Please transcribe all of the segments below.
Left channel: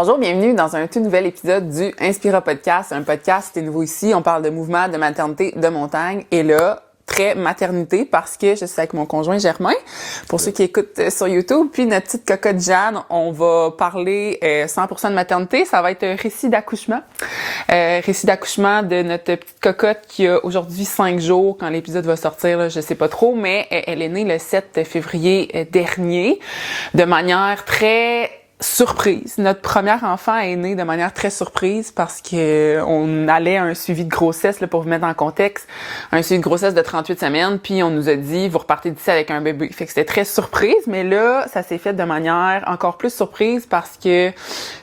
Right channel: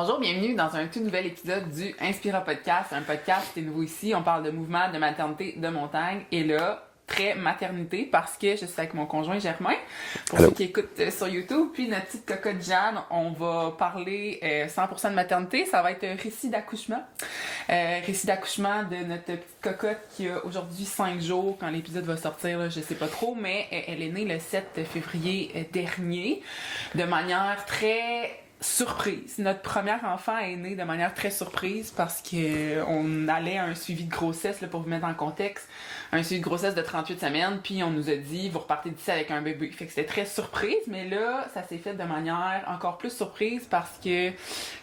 Bonjour, bienvenue dans un tout nouvel épisode du Inspira Podcast. Un podcast qui est nouveau ici. On parle de mouvement, de maternité, de montagne. Et là, très maternité parce que je suis avec mon conjoint Germain. Pour ceux qui écoutent sur YouTube. Puis notre petite cocotte Jeanne, on va parler 100% de maternité. Ça va être un récit d'accouchement. Récit d'accouchement de notre petite cocotte qui a aujourd'hui 5 jours. Quand l'épisode va sortir, là, je sais pas trop, mais elle est née le 7 février dernier de manière très surprise. Notre premier enfant est né de manière très surprise parce que on allait à un suivi de grossesse, là, pour vous mettre en contexte, un suivi de grossesse de 38 semaines, puis on nous a dit, vous repartez d'ici avec un bébé. Fait que c'était très surprise, mais là, ça s'est fait de manière encore plus surprise parce que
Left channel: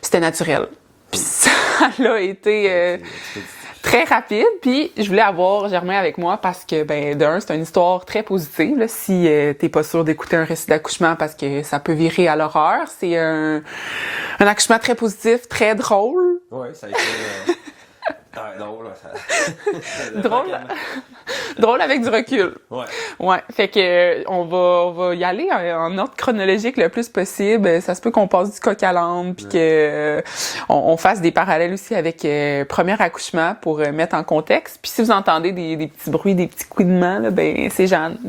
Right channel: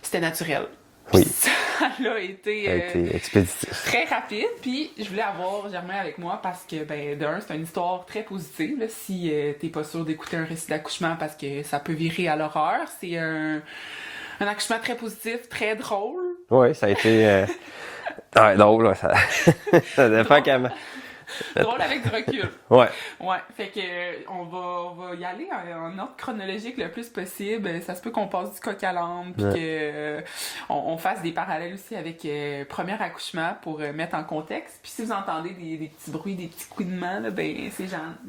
c'était naturel. Oui. Ça a été très rapide. Puis je voulais avoir Germain avec moi parce que, d'un, c'est une histoire très positive. Là, si t'es pas sûr d'écouter un récit d'accouchement parce que ça peut virer à l'horreur. C'est un accouchement très positif, très drôle. Oui, ça a été... drôle, ça dépend comment. Drôle avec du recul. Ouais. Ouais. Fait que on va y aller en ordre chronologique le plus possible. Ça se peut qu'on passe du coq à l'âne, puis que on fasse des parallèles aussi avec premier accouchement pour mettre en contexte. Puis si vous entendez des petits bruits, des petits couinements, là, c'est Jeanne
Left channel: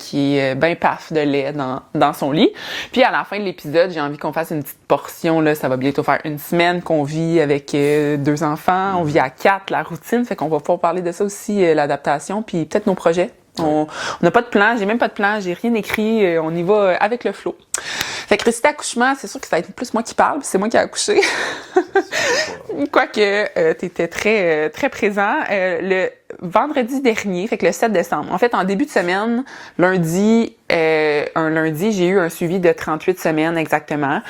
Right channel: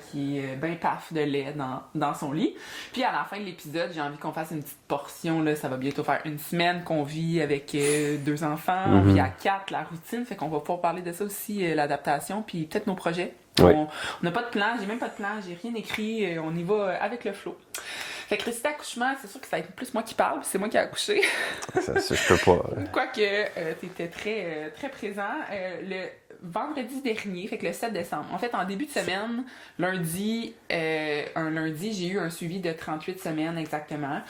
qui est ben paf de lait dans son lit. Puis à la fin de l'épisode, j'ai envie qu'on fasse une petite portion. Là, ça va bientôt faire une semaine qu'on vit avec 2 enfants. On vit à 4, la routine. Fait qu'on va pouvoir parler de ça aussi, l'adaptation. Puis peut-être nos projets. Oui. On n'a pas de plan, j'ai même pas de plan, j'ai rien écrit, on y va avec le flow. Fait que récit d'accouchement, c'est sûr que ça va être plus moi qui parle, puis c'est moi qui ai accouché. Ça je peux pas. Quoique, t'étais très, très présent. Le vendredi dernier, fait que le 7 décembre. En fait, en début de semaine, lundi, j'ai eu un suivi de 38 semaines exactement.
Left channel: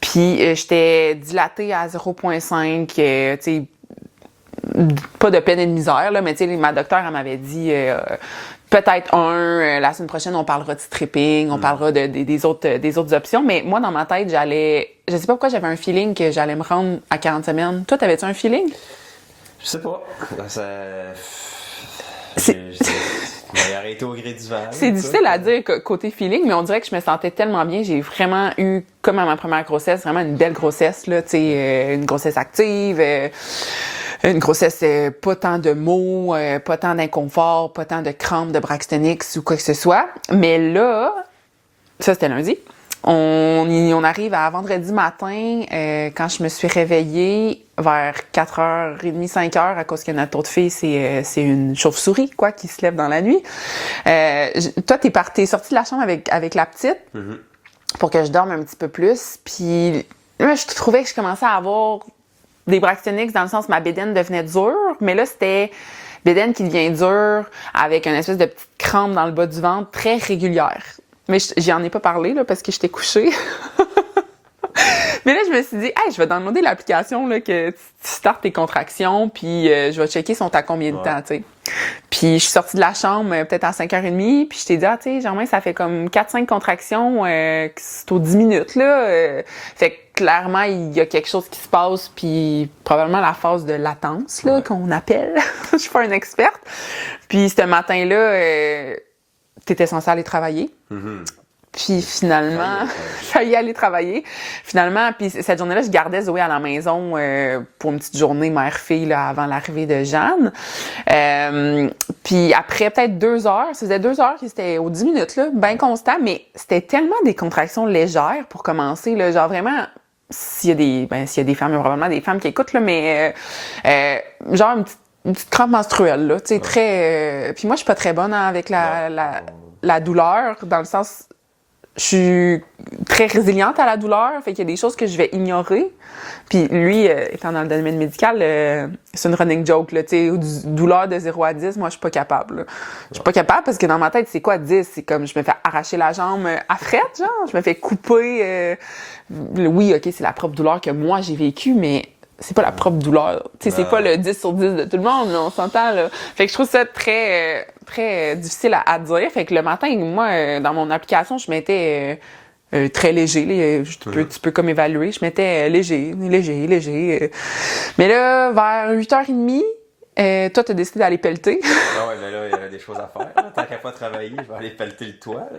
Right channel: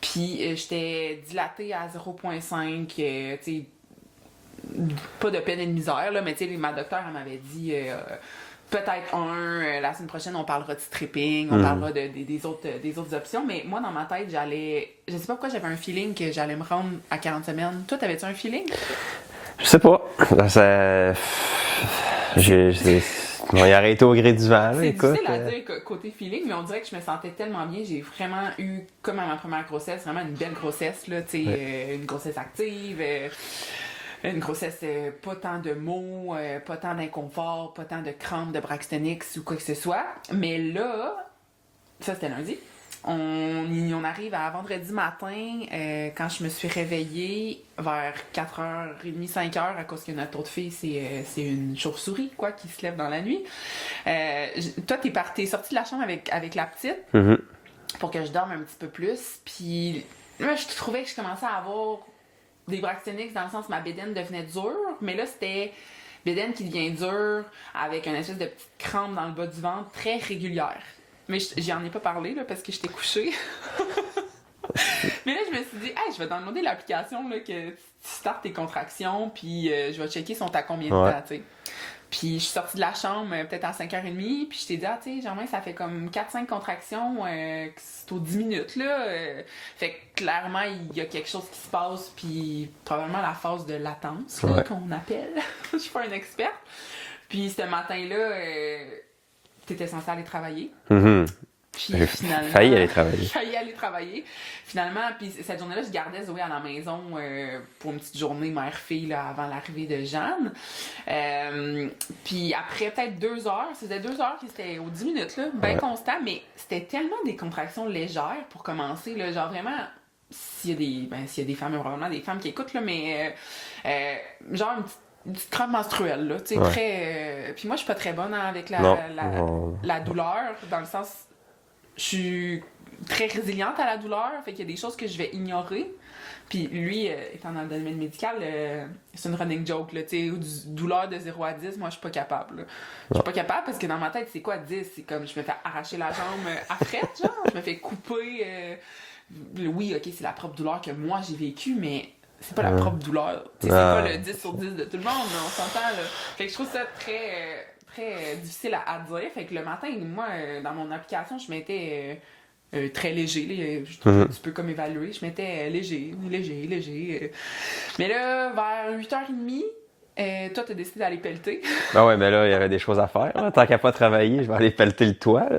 Puis j'étais dilatée à 0,5, tu sais, pas de peine et de misère, là, mais tu sais, ma docteure, elle m'avait dit peut-être la semaine prochaine, on parlera de stripping, on parlera des autres options. Mais moi, dans ma tête, je sais pas pourquoi j'avais un feeling que j'allais me rendre à 40 semaines. Toi, t'avais-tu un feeling? Je sais pas. On y arrêté au gré du vent. C'est difficile à dire côté feeling, mais on dirait que je me sentais tellement bien. J'ai vraiment eu, comme à ma première grossesse, vraiment une belle grossesse, là, tu sais, une grossesse active. Une grossesse, pas tant de maux, pas tant d'inconfort, pas tant de crampes, de Braxtonix ou quoi que ce soit. Mais là, ça c'était lundi. On arrive à vendredi matin, quand je me suis réveillée vers 4h30, 5h, à cause que notre autre fille, c'est une chauve-souris, quoi, qui se lève dans la nuit. Toi, t'es sortie de la chambre avec la petite pour que je dorme un petit peu plus. Puis moi, je trouvais que je commençais à avoir des Braxtonix dans le sens où ma bédaine devenait dure, mais là, c'était bédaine qui devient dure avec une espèce de petite crampe dans le bas du ventre très régulière. Mais j'en ai pas parlé, là, parce que j'étais couchée. Mais là, je me suis dit, hey, je vais downloader l'application, là, que tu startes tes contractions, puis je vais checker sont à combien de temps, tu sais. Puis je suis sortie de la chambre peut-être à 5h30, puis je t'ai dit, tu sais, Germain, ça fait comme 4-5 contractions, c'est aux 10 minutes, là. Fait que clairement, il y a quelque chose qui se passe, puis probablement la phase de latence, là, qu'on appelle. Je suis pas une experte. Puis ce matin-là, t'étais censée aller travailler. Puis finalement... Failli aller travailler. Finalement, puis cette journée-là, je gardais Zoé à la maison pour une petite journée mère-fille là, avant l'arrivée de Jeanne. Puis après peut-être 2 heures, ça faisait 2 heures que c'était aux 10 minutes, là, bien constant, mais c'était tellement des contractions légères pour commencer, là, genre vraiment... S'il y a des femmes, il y a probablement des femmes qui écoutent, là, mais genre une petite crampe menstruelle, là, tu sais, très... Puis moi, je suis pas très bonne avec la douleur, dans le sens... Je suis très résiliente à la douleur, fait qu'il y a des choses que je vais ignorer. Puis lui, étant dans le domaine médical, c'est une running joke, là, tu sais, douleur de 0 à 10, moi, je suis pas capable, là. Je suis pas capable parce que dans ma tête, c'est quoi 10? C'est comme, je me fais arracher la jambe à frette, genre, je me fais couper. Oui, OK, c'est la propre douleur que moi, j'ai vécue, mais c'est pas la propre douleur. Tu sais, c'est pas le 10 sur 10 de tout le monde, là, on s'entend, là. Fait que je trouve ça très, très difficile à dire. Fait que le matin, moi, dans mon application, je mettais très léger. Là, tu peux comme évaluer. Je mettais léger. Mais là, vers 8h30, Toi, t'as décidé d'aller pelleter. Ah ouais, mais là, il y avait des choses à faire. Là. Tant qu'à pas travailler, je vais aller pelleter le toit. Là.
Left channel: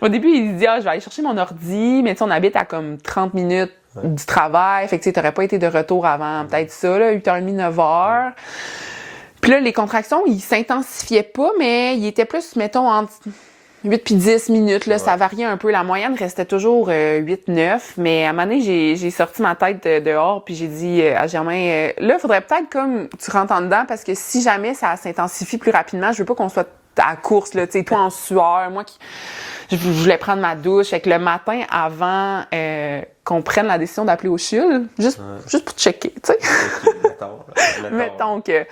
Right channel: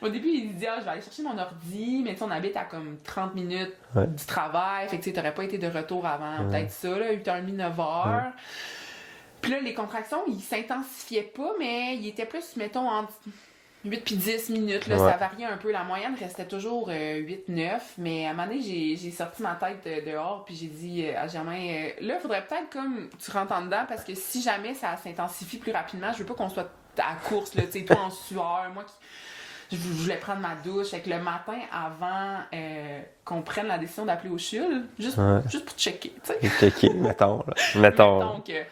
Au début, il dit, je vais aller chercher mon ordi, mais tu sais, on habite à comme 30 minutes du travail. Fait que tu sais, t'aurais pas été de retour avant peut-être ça, là, 8h30, 9h. Puis là, les contractions, ils s'intensifiaient pas, mais ils étaient plus, mettons, entre 8 puis 10 minutes, là, ça variait un peu. La moyenne restait toujours 8-9, mais à un moment donné, j'ai sorti ma tête dehors, puis j'ai dit à Germain, là, il faudrait peut-être comme tu rentres en dedans, parce que si jamais ça s'intensifie plus rapidement, je veux pas qu'on soit à la course, là, tu sais, toi en sueur, moi qui... Je voulais prendre ma douche. Fait que le matin, avant qu'on prenne la décision d'appeler au CHUL, juste pour checker, tu sais. Checker, mettons. Mettons que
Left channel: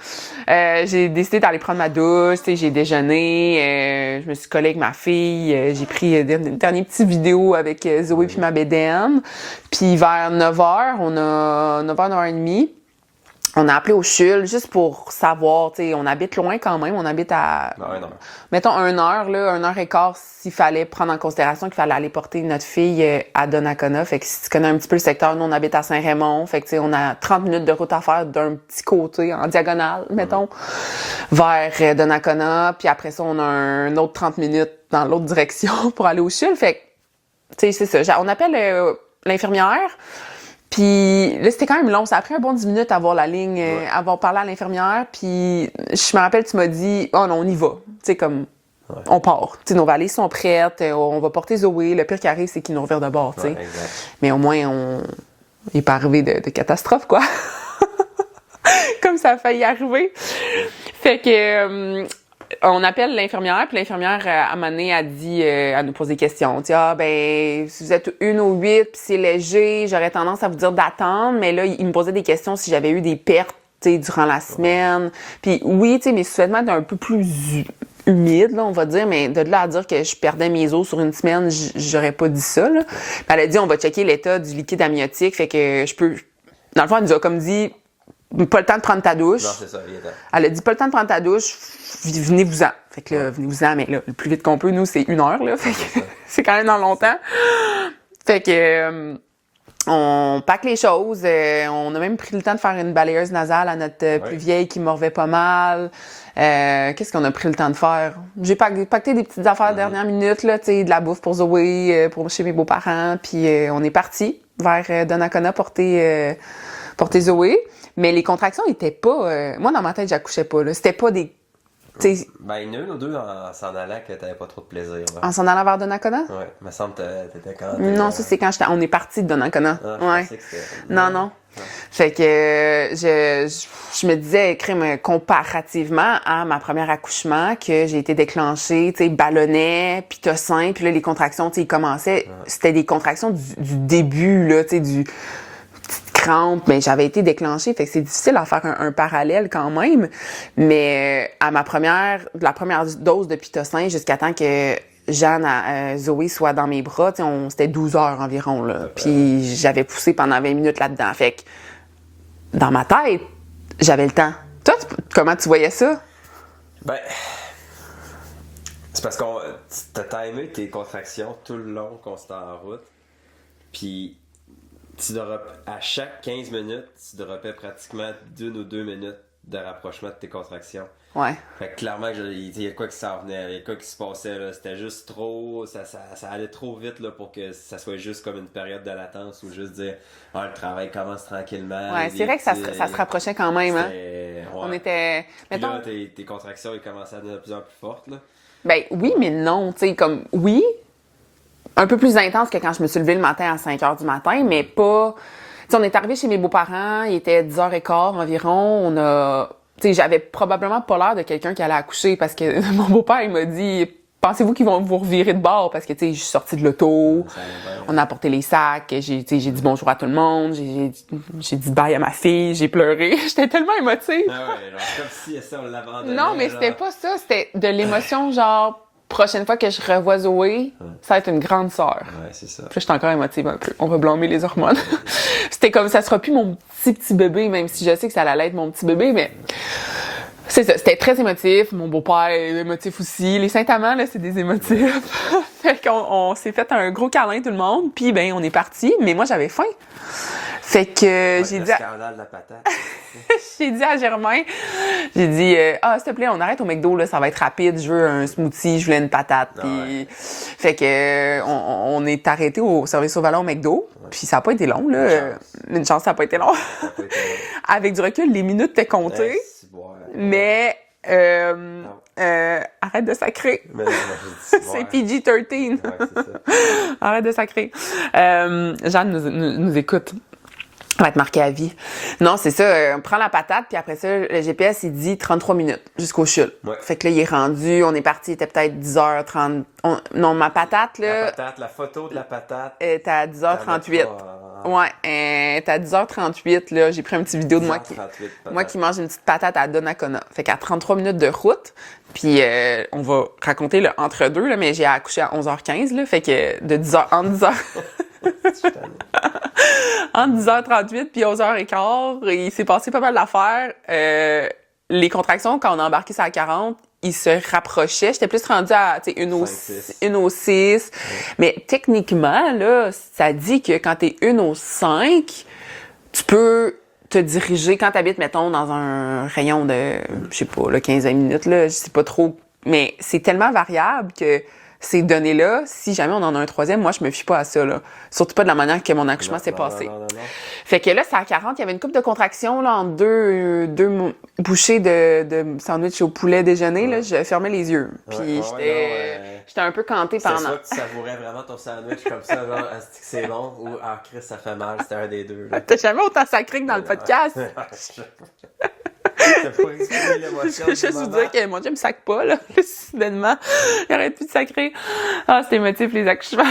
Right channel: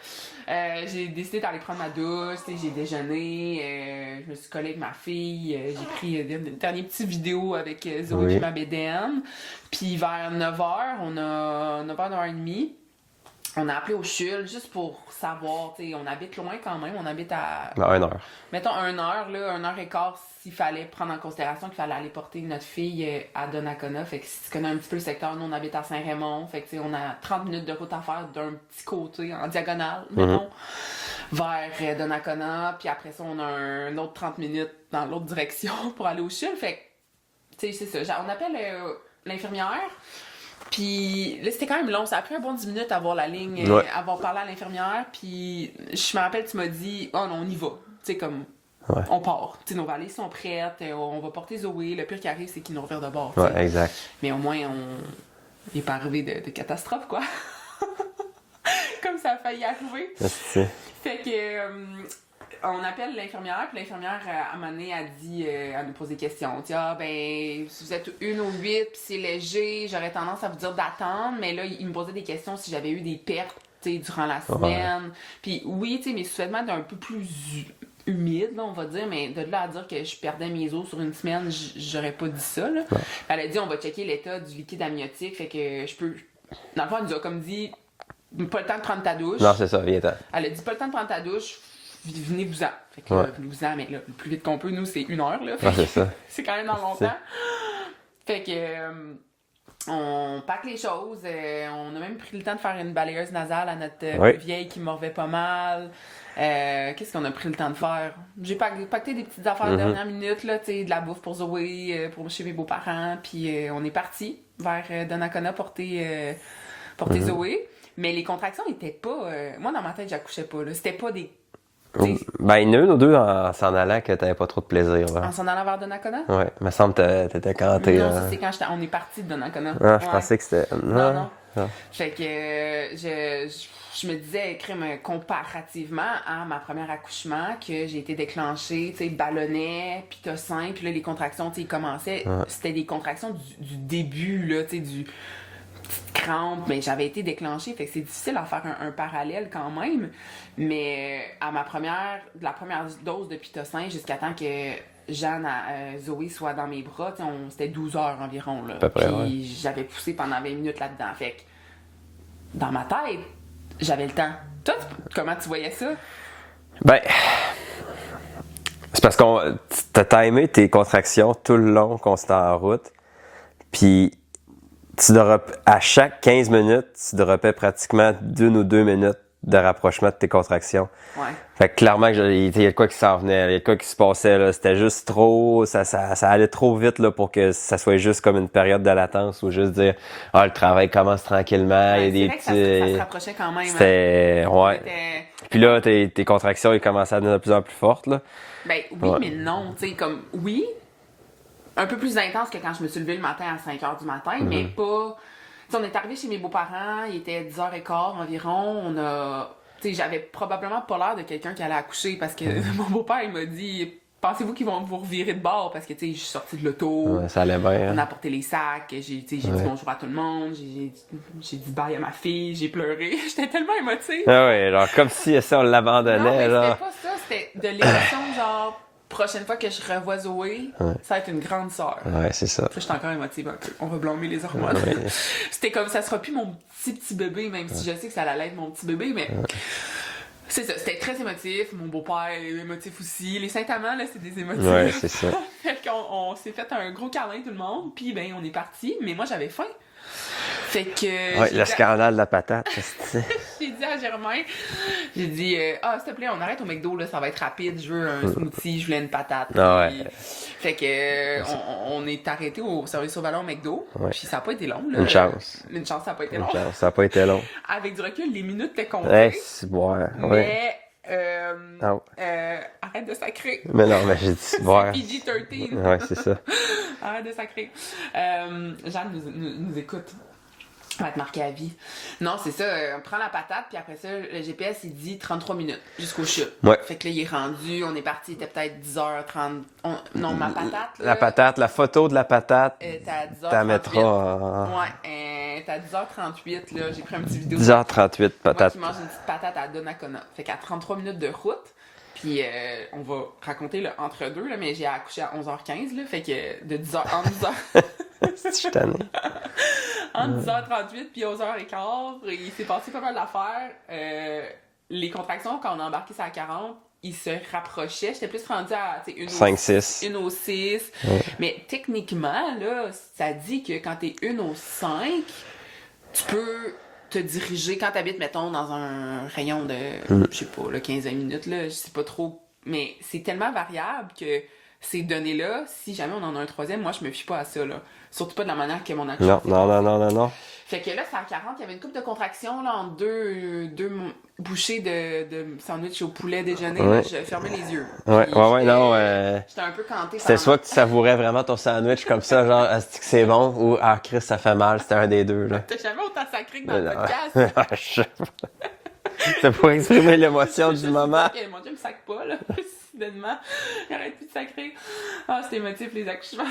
j'ai décidé d'aller prendre ma douche, tu sais, j'ai déjeuné, je me suis collée avec ma fille, j'ai pris une dernière petite vidéo avec Zoé puis ma bédaine. Puis vers 9h, on a 9h, 9h30, on a appelé au CHUL juste pour savoir, tu sais, on habite loin quand même, on habite à... 1 heure. Mettons 1 heure, là, 1h15, s'il fallait prendre en considération qu'il fallait aller porter notre fille à Donnacona. Fait que si tu connais un petit peu le secteur, nous, on habite à Saint-Raymond. Fait que, tu sais, on a 30 minutes de route à faire d'un petit côté, en diagonale, mettons, vers Donnacona. Puis après ça, on a un autre 30 minutes dans l'autre direction pour aller au CHUL. Fait que, tu sais, c'est ça. On appelle l'infirmière. Puis là, c'était quand même long. Ça a pris un bon 10 minutes à avoir la ligne, avoir parlé à l'infirmière. Puis je me rappelle, tu m'as dit, oh non, on y va. Tu sais, comme, on part. Tu sais, nos valises sont prêtes, on va porter Zoé. Le pire qui arrive, c'est qu'ils nous revirent de bord, tu sais. Ouais, exact. Mais au moins, il n'est pas arrivé de catastrophe, quoi. Comme ça a failli arriver. Fait que... on appelle l'infirmière, puis l'infirmière, à un moment donné, a dit, elle nous pose des questions. Tu sais, ben, si vous êtes 1 ou 8, puis c'est léger, j'aurais tendance à vous dire d'attendre. Mais là, il me posait des questions si j'avais eu des pertes, tu sais, durant la semaine. Puis oui, tu sais, mes sous-vêtements étaient un peu plus humides, là, on va dire. Mais de là à dire que je perdais mes os sur une semaine, j'aurais pas dit ça, là. Puis elle a dit, on va checker l'état du liquide amniotique, fait que je peux... Dans le fond, elle nous a comme dit, pas le temps de prendre ta douche. Non, c'est ça, viens-t'en. Elle a dit, pas le temps de prendre ta douche, venez-vous-en. Fait que là, venez-vous-en, mais là, le plus vite qu'on peut, nous, c'est 1 heure, là. Fait que c'est quand même dans longtemps. Fait que, on pack les choses. On a même pris le temps de faire une balayeuse nasale à notre plus vieille qui morvait pas mal. Qu'est-ce qu'on a pris le temps de faire? J'ai pacté des petites affaires dernière minute, là, tu sais, de la bouffe pour Zoé, pour chez mes beaux-parents. Puis on est parti vers Donnacona porter Zoé. Mais les contractions étaient pas... moi, dans ma tête, j'accouchais pas, là. C'était pas des... Ben, une ou deux en s'en allant que t'avais pas trop de plaisir. Là. En s'en allant vers Donnacona? Ouais, il me semble que t'étais quand t'es... Non, ça, c'est quand on est parti de Donnacona. Ah, je pensais que c'était... Non. Fait que je me disais, crème, comparativement à ma première accouchement, que j'ai été déclenchée, tu sais, ballonnet, pitocin, puis là, les contractions, tu sais, ils commençaient. C'était des contractions du début, là, tu sais, du... crampe, ben j'avais été déclenchée, fait que c'est difficile à faire un parallèle quand même. Mais à la première dose de pitocin, jusqu'à temps que Jeanne, Zoé soit dans mes bras, c'était 12 heures environ, là. Puis j'avais poussé pendant 20 minutes là-dedans. Fait que dans ma tête, j'avais le temps. Toi, comment tu voyais ça? Ben, c'est parce qu'on t'as timé tes contractions tout le long qu'on s'était en route. Puis à chaque 15 minutes, tu dropais pratiquement 1 ou 2 minutes de rapprochement de tes contractions. Ouais. Fait que clairement, il y a de quoi qui s'en venait, il y a de quoi qui se passait, là. C'était juste trop, ça allait trop vite, là, pour que ça soit juste comme une période de latence ou juste dire, le travail commence tranquillement. Ouais, c'est vrai que ça se rapprochait quand même, C'était, Puis là, tes contractions, ils commençaient à devenir de plus en plus fortes, là. Ben, oui, mais non, tu sais, comme, oui, un peu plus intense que quand je me suis levée le matin à 5 h du matin, mais pas... Tu sais, on est arrivé chez mes beaux-parents, il était 10h15 environ, j'avais probablement pas l'air de quelqu'un qui allait accoucher parce que mon beau-père, il m'a dit, pensez-vous qu'ils vont vous revirer de bord? Parce que, tu sais, je suis sortie de l'auto. Ça allait bien. On a apporté les sacs. J'ai dit bonjour à tout le monde. J'ai dit bye à ma fille. J'ai pleuré. J'étais tellement émotive. Ah ouais, genre, comme si ça, on l'abandonnait. Non, mais c'était pas ça. C'était de l'émotion, genre, prochaine fois que je revois Zoé, ça va être une grande sœur. Ouais, c'est ça. Puis là, j'étais encore émotive un peu. On va blâmer les hormones. C'était comme, ça sera plus mon petit bébé, même si je sais que ça allait être mon petit bébé, mais... C'est ça, c'était très émotif. Mon beau-père est émotif aussi. Les Saint-Amand, là, c'est des émotifs. Ouais, c'est ça. Fait qu'on s'est fait un gros câlin, tout le monde. Puis, ben, on est parti. Mais moi, j'avais faim. Fait que Ouais, le scandale de la patate. j'ai dit à Germain, j'ai dit s'il te plaît, on arrête au McDo, là, ça va être rapide, je veux un smoothie, je voulais une patate. Puis... Fait que on est arrêté au service au volant au McDo, puis ça n'a pas été long, là. Une chance, ça n'a pas été long. Ça n'a pas été long. Avec du recul, les minutes étaient comptées. Mais arrête de sacrer. Mais non, mais j'ai dit c'est PG-13. Ouais, c'est ça. Arrête de sacrer. Jeanne nous écoute. Ça va être marqué à vie. Non, c'est ça. On prend la patate, puis après ça, le GPS, il dit 33 minutes jusqu'au chute. Ouais. Fait que là, il est rendu. On est parti, il était peut-être 10h30. Non, ma patate, là... La patate, la photo de la patate. T'es à 10h38. Ouais, t'es à 10h38, là. J'ai pris une petite vidéo de 10h38, patate. Moi qui mange une petite patate à Donnacona. Fait qu'à 33 minutes de route, puis on va raconter le entre-deux, là, mais j'ai accouché à 11h15, là. Fait que de 10h... Entre 10h... Entre 10h38 puis 11h15, il s'est passé pas mal d'affaires. Les contractions, quand on a embarqué sur la 40, ils se rapprochaient. J'étais plus rendue à 1 au 6. Ouais. Mais techniquement, là, ça dit que quand t'es 1 au 5, tu peux te diriger, quand t'habites, mettons, dans un rayon de, je sais pas, 15-20 minutes, là, je sais pas trop. Mais c'est tellement variable que ces données-là, si jamais on en a un troisième, moi, je me fie pas à ça, là. Surtout pas de la manière que mon accouchement s'est passé. Non. Fait que là, c'est à 40, il y avait une couple de contractions, là, entre deux bouchées de sandwich au poulet déjeuner, là. Je fermais les yeux. J'étais un peu cantée par... C'était soit que tu savourais vraiment ton sandwich comme ça, genre, est-ce que c'est bon, ou, Chris, ça fait mal, c'était un des deux, là. T'as jamais autant sacré que dans le podcast? C'est pour exprimer l'émotion du moment. Je veux dire que mon Dieu me sac pas, là, soudainement. Il arrête plus de sacrer. Ah, c'est émotif, les accouchements.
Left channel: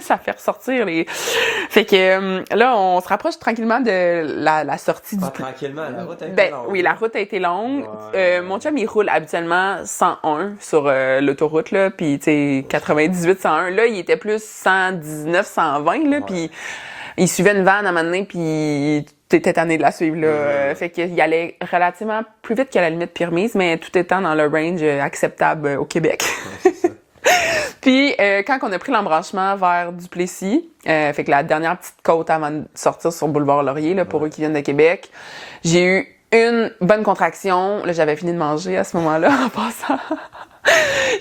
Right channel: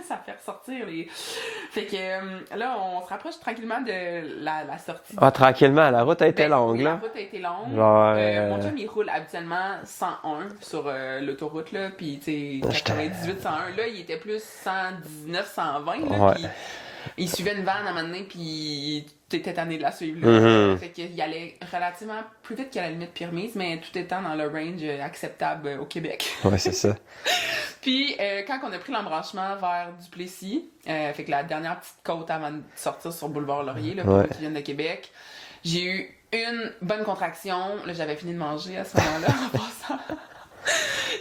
Ça fait ressortir les... Fait que là, on se rapproche tranquillement de la sortie du... tranquillement, la route a été longue. Oui, la route a été longue. Mon chum, il roule habituellement 101 sur l'autoroute, là, puis tu sais, 98, 101. Là, il était plus 119, 120, là, puis il suivait une vanne à un moment donné, puis t'étais tanné de la suivre, là. Fait qu'il allait relativement plus vite qu'à la limite permise, mais tout étant dans le range acceptable au Québec. Ouais, c'est ça. Puis, quand on a pris l'embranchement vers Duplessis, fait que la dernière petite côte avant de sortir sur Boulevard Laurier, là, pour eux qui viennent de Québec, j'ai eu une bonne contraction. Là, j'avais fini de manger à ce moment-là, en passant.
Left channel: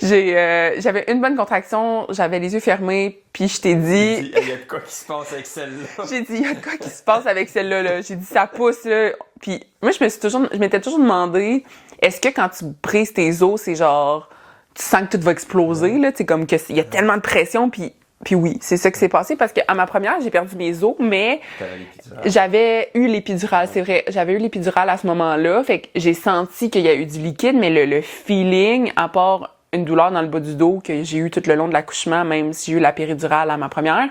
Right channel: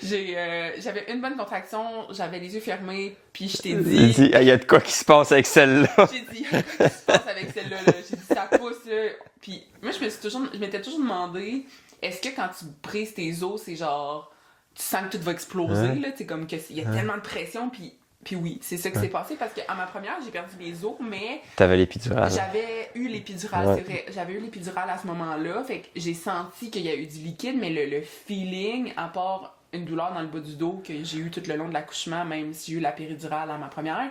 J'avais une bonne contraction, j'avais les yeux fermés, puis je t'ai dit... Il y a de quoi qui se passe avec celle-là. J'ai dit, il y a de quoi qui se passe avec celle-là, là. J'ai dit, ça pousse, là. Puis moi, je m'étais toujours demandé, est-ce que quand tu brises tes os, c'est genre, tu sens que tout va exploser, là? C'est comme il y a tellement de pression, puis oui, c'est ça qui s'est passé, parce qu'à ma première, j'ai perdu mes os, mais... T'avais l'épidurale. J'avais eu l'épidurale, c'est vrai. J'avais eu l'épidurale à ce moment-là, fait que j'ai senti qu'il y a eu du liquide, mais le feeling, à part une douleur dans le bas du dos que j'ai eu tout le long de l'accouchement, même si j'ai eu la péridurale à ma première,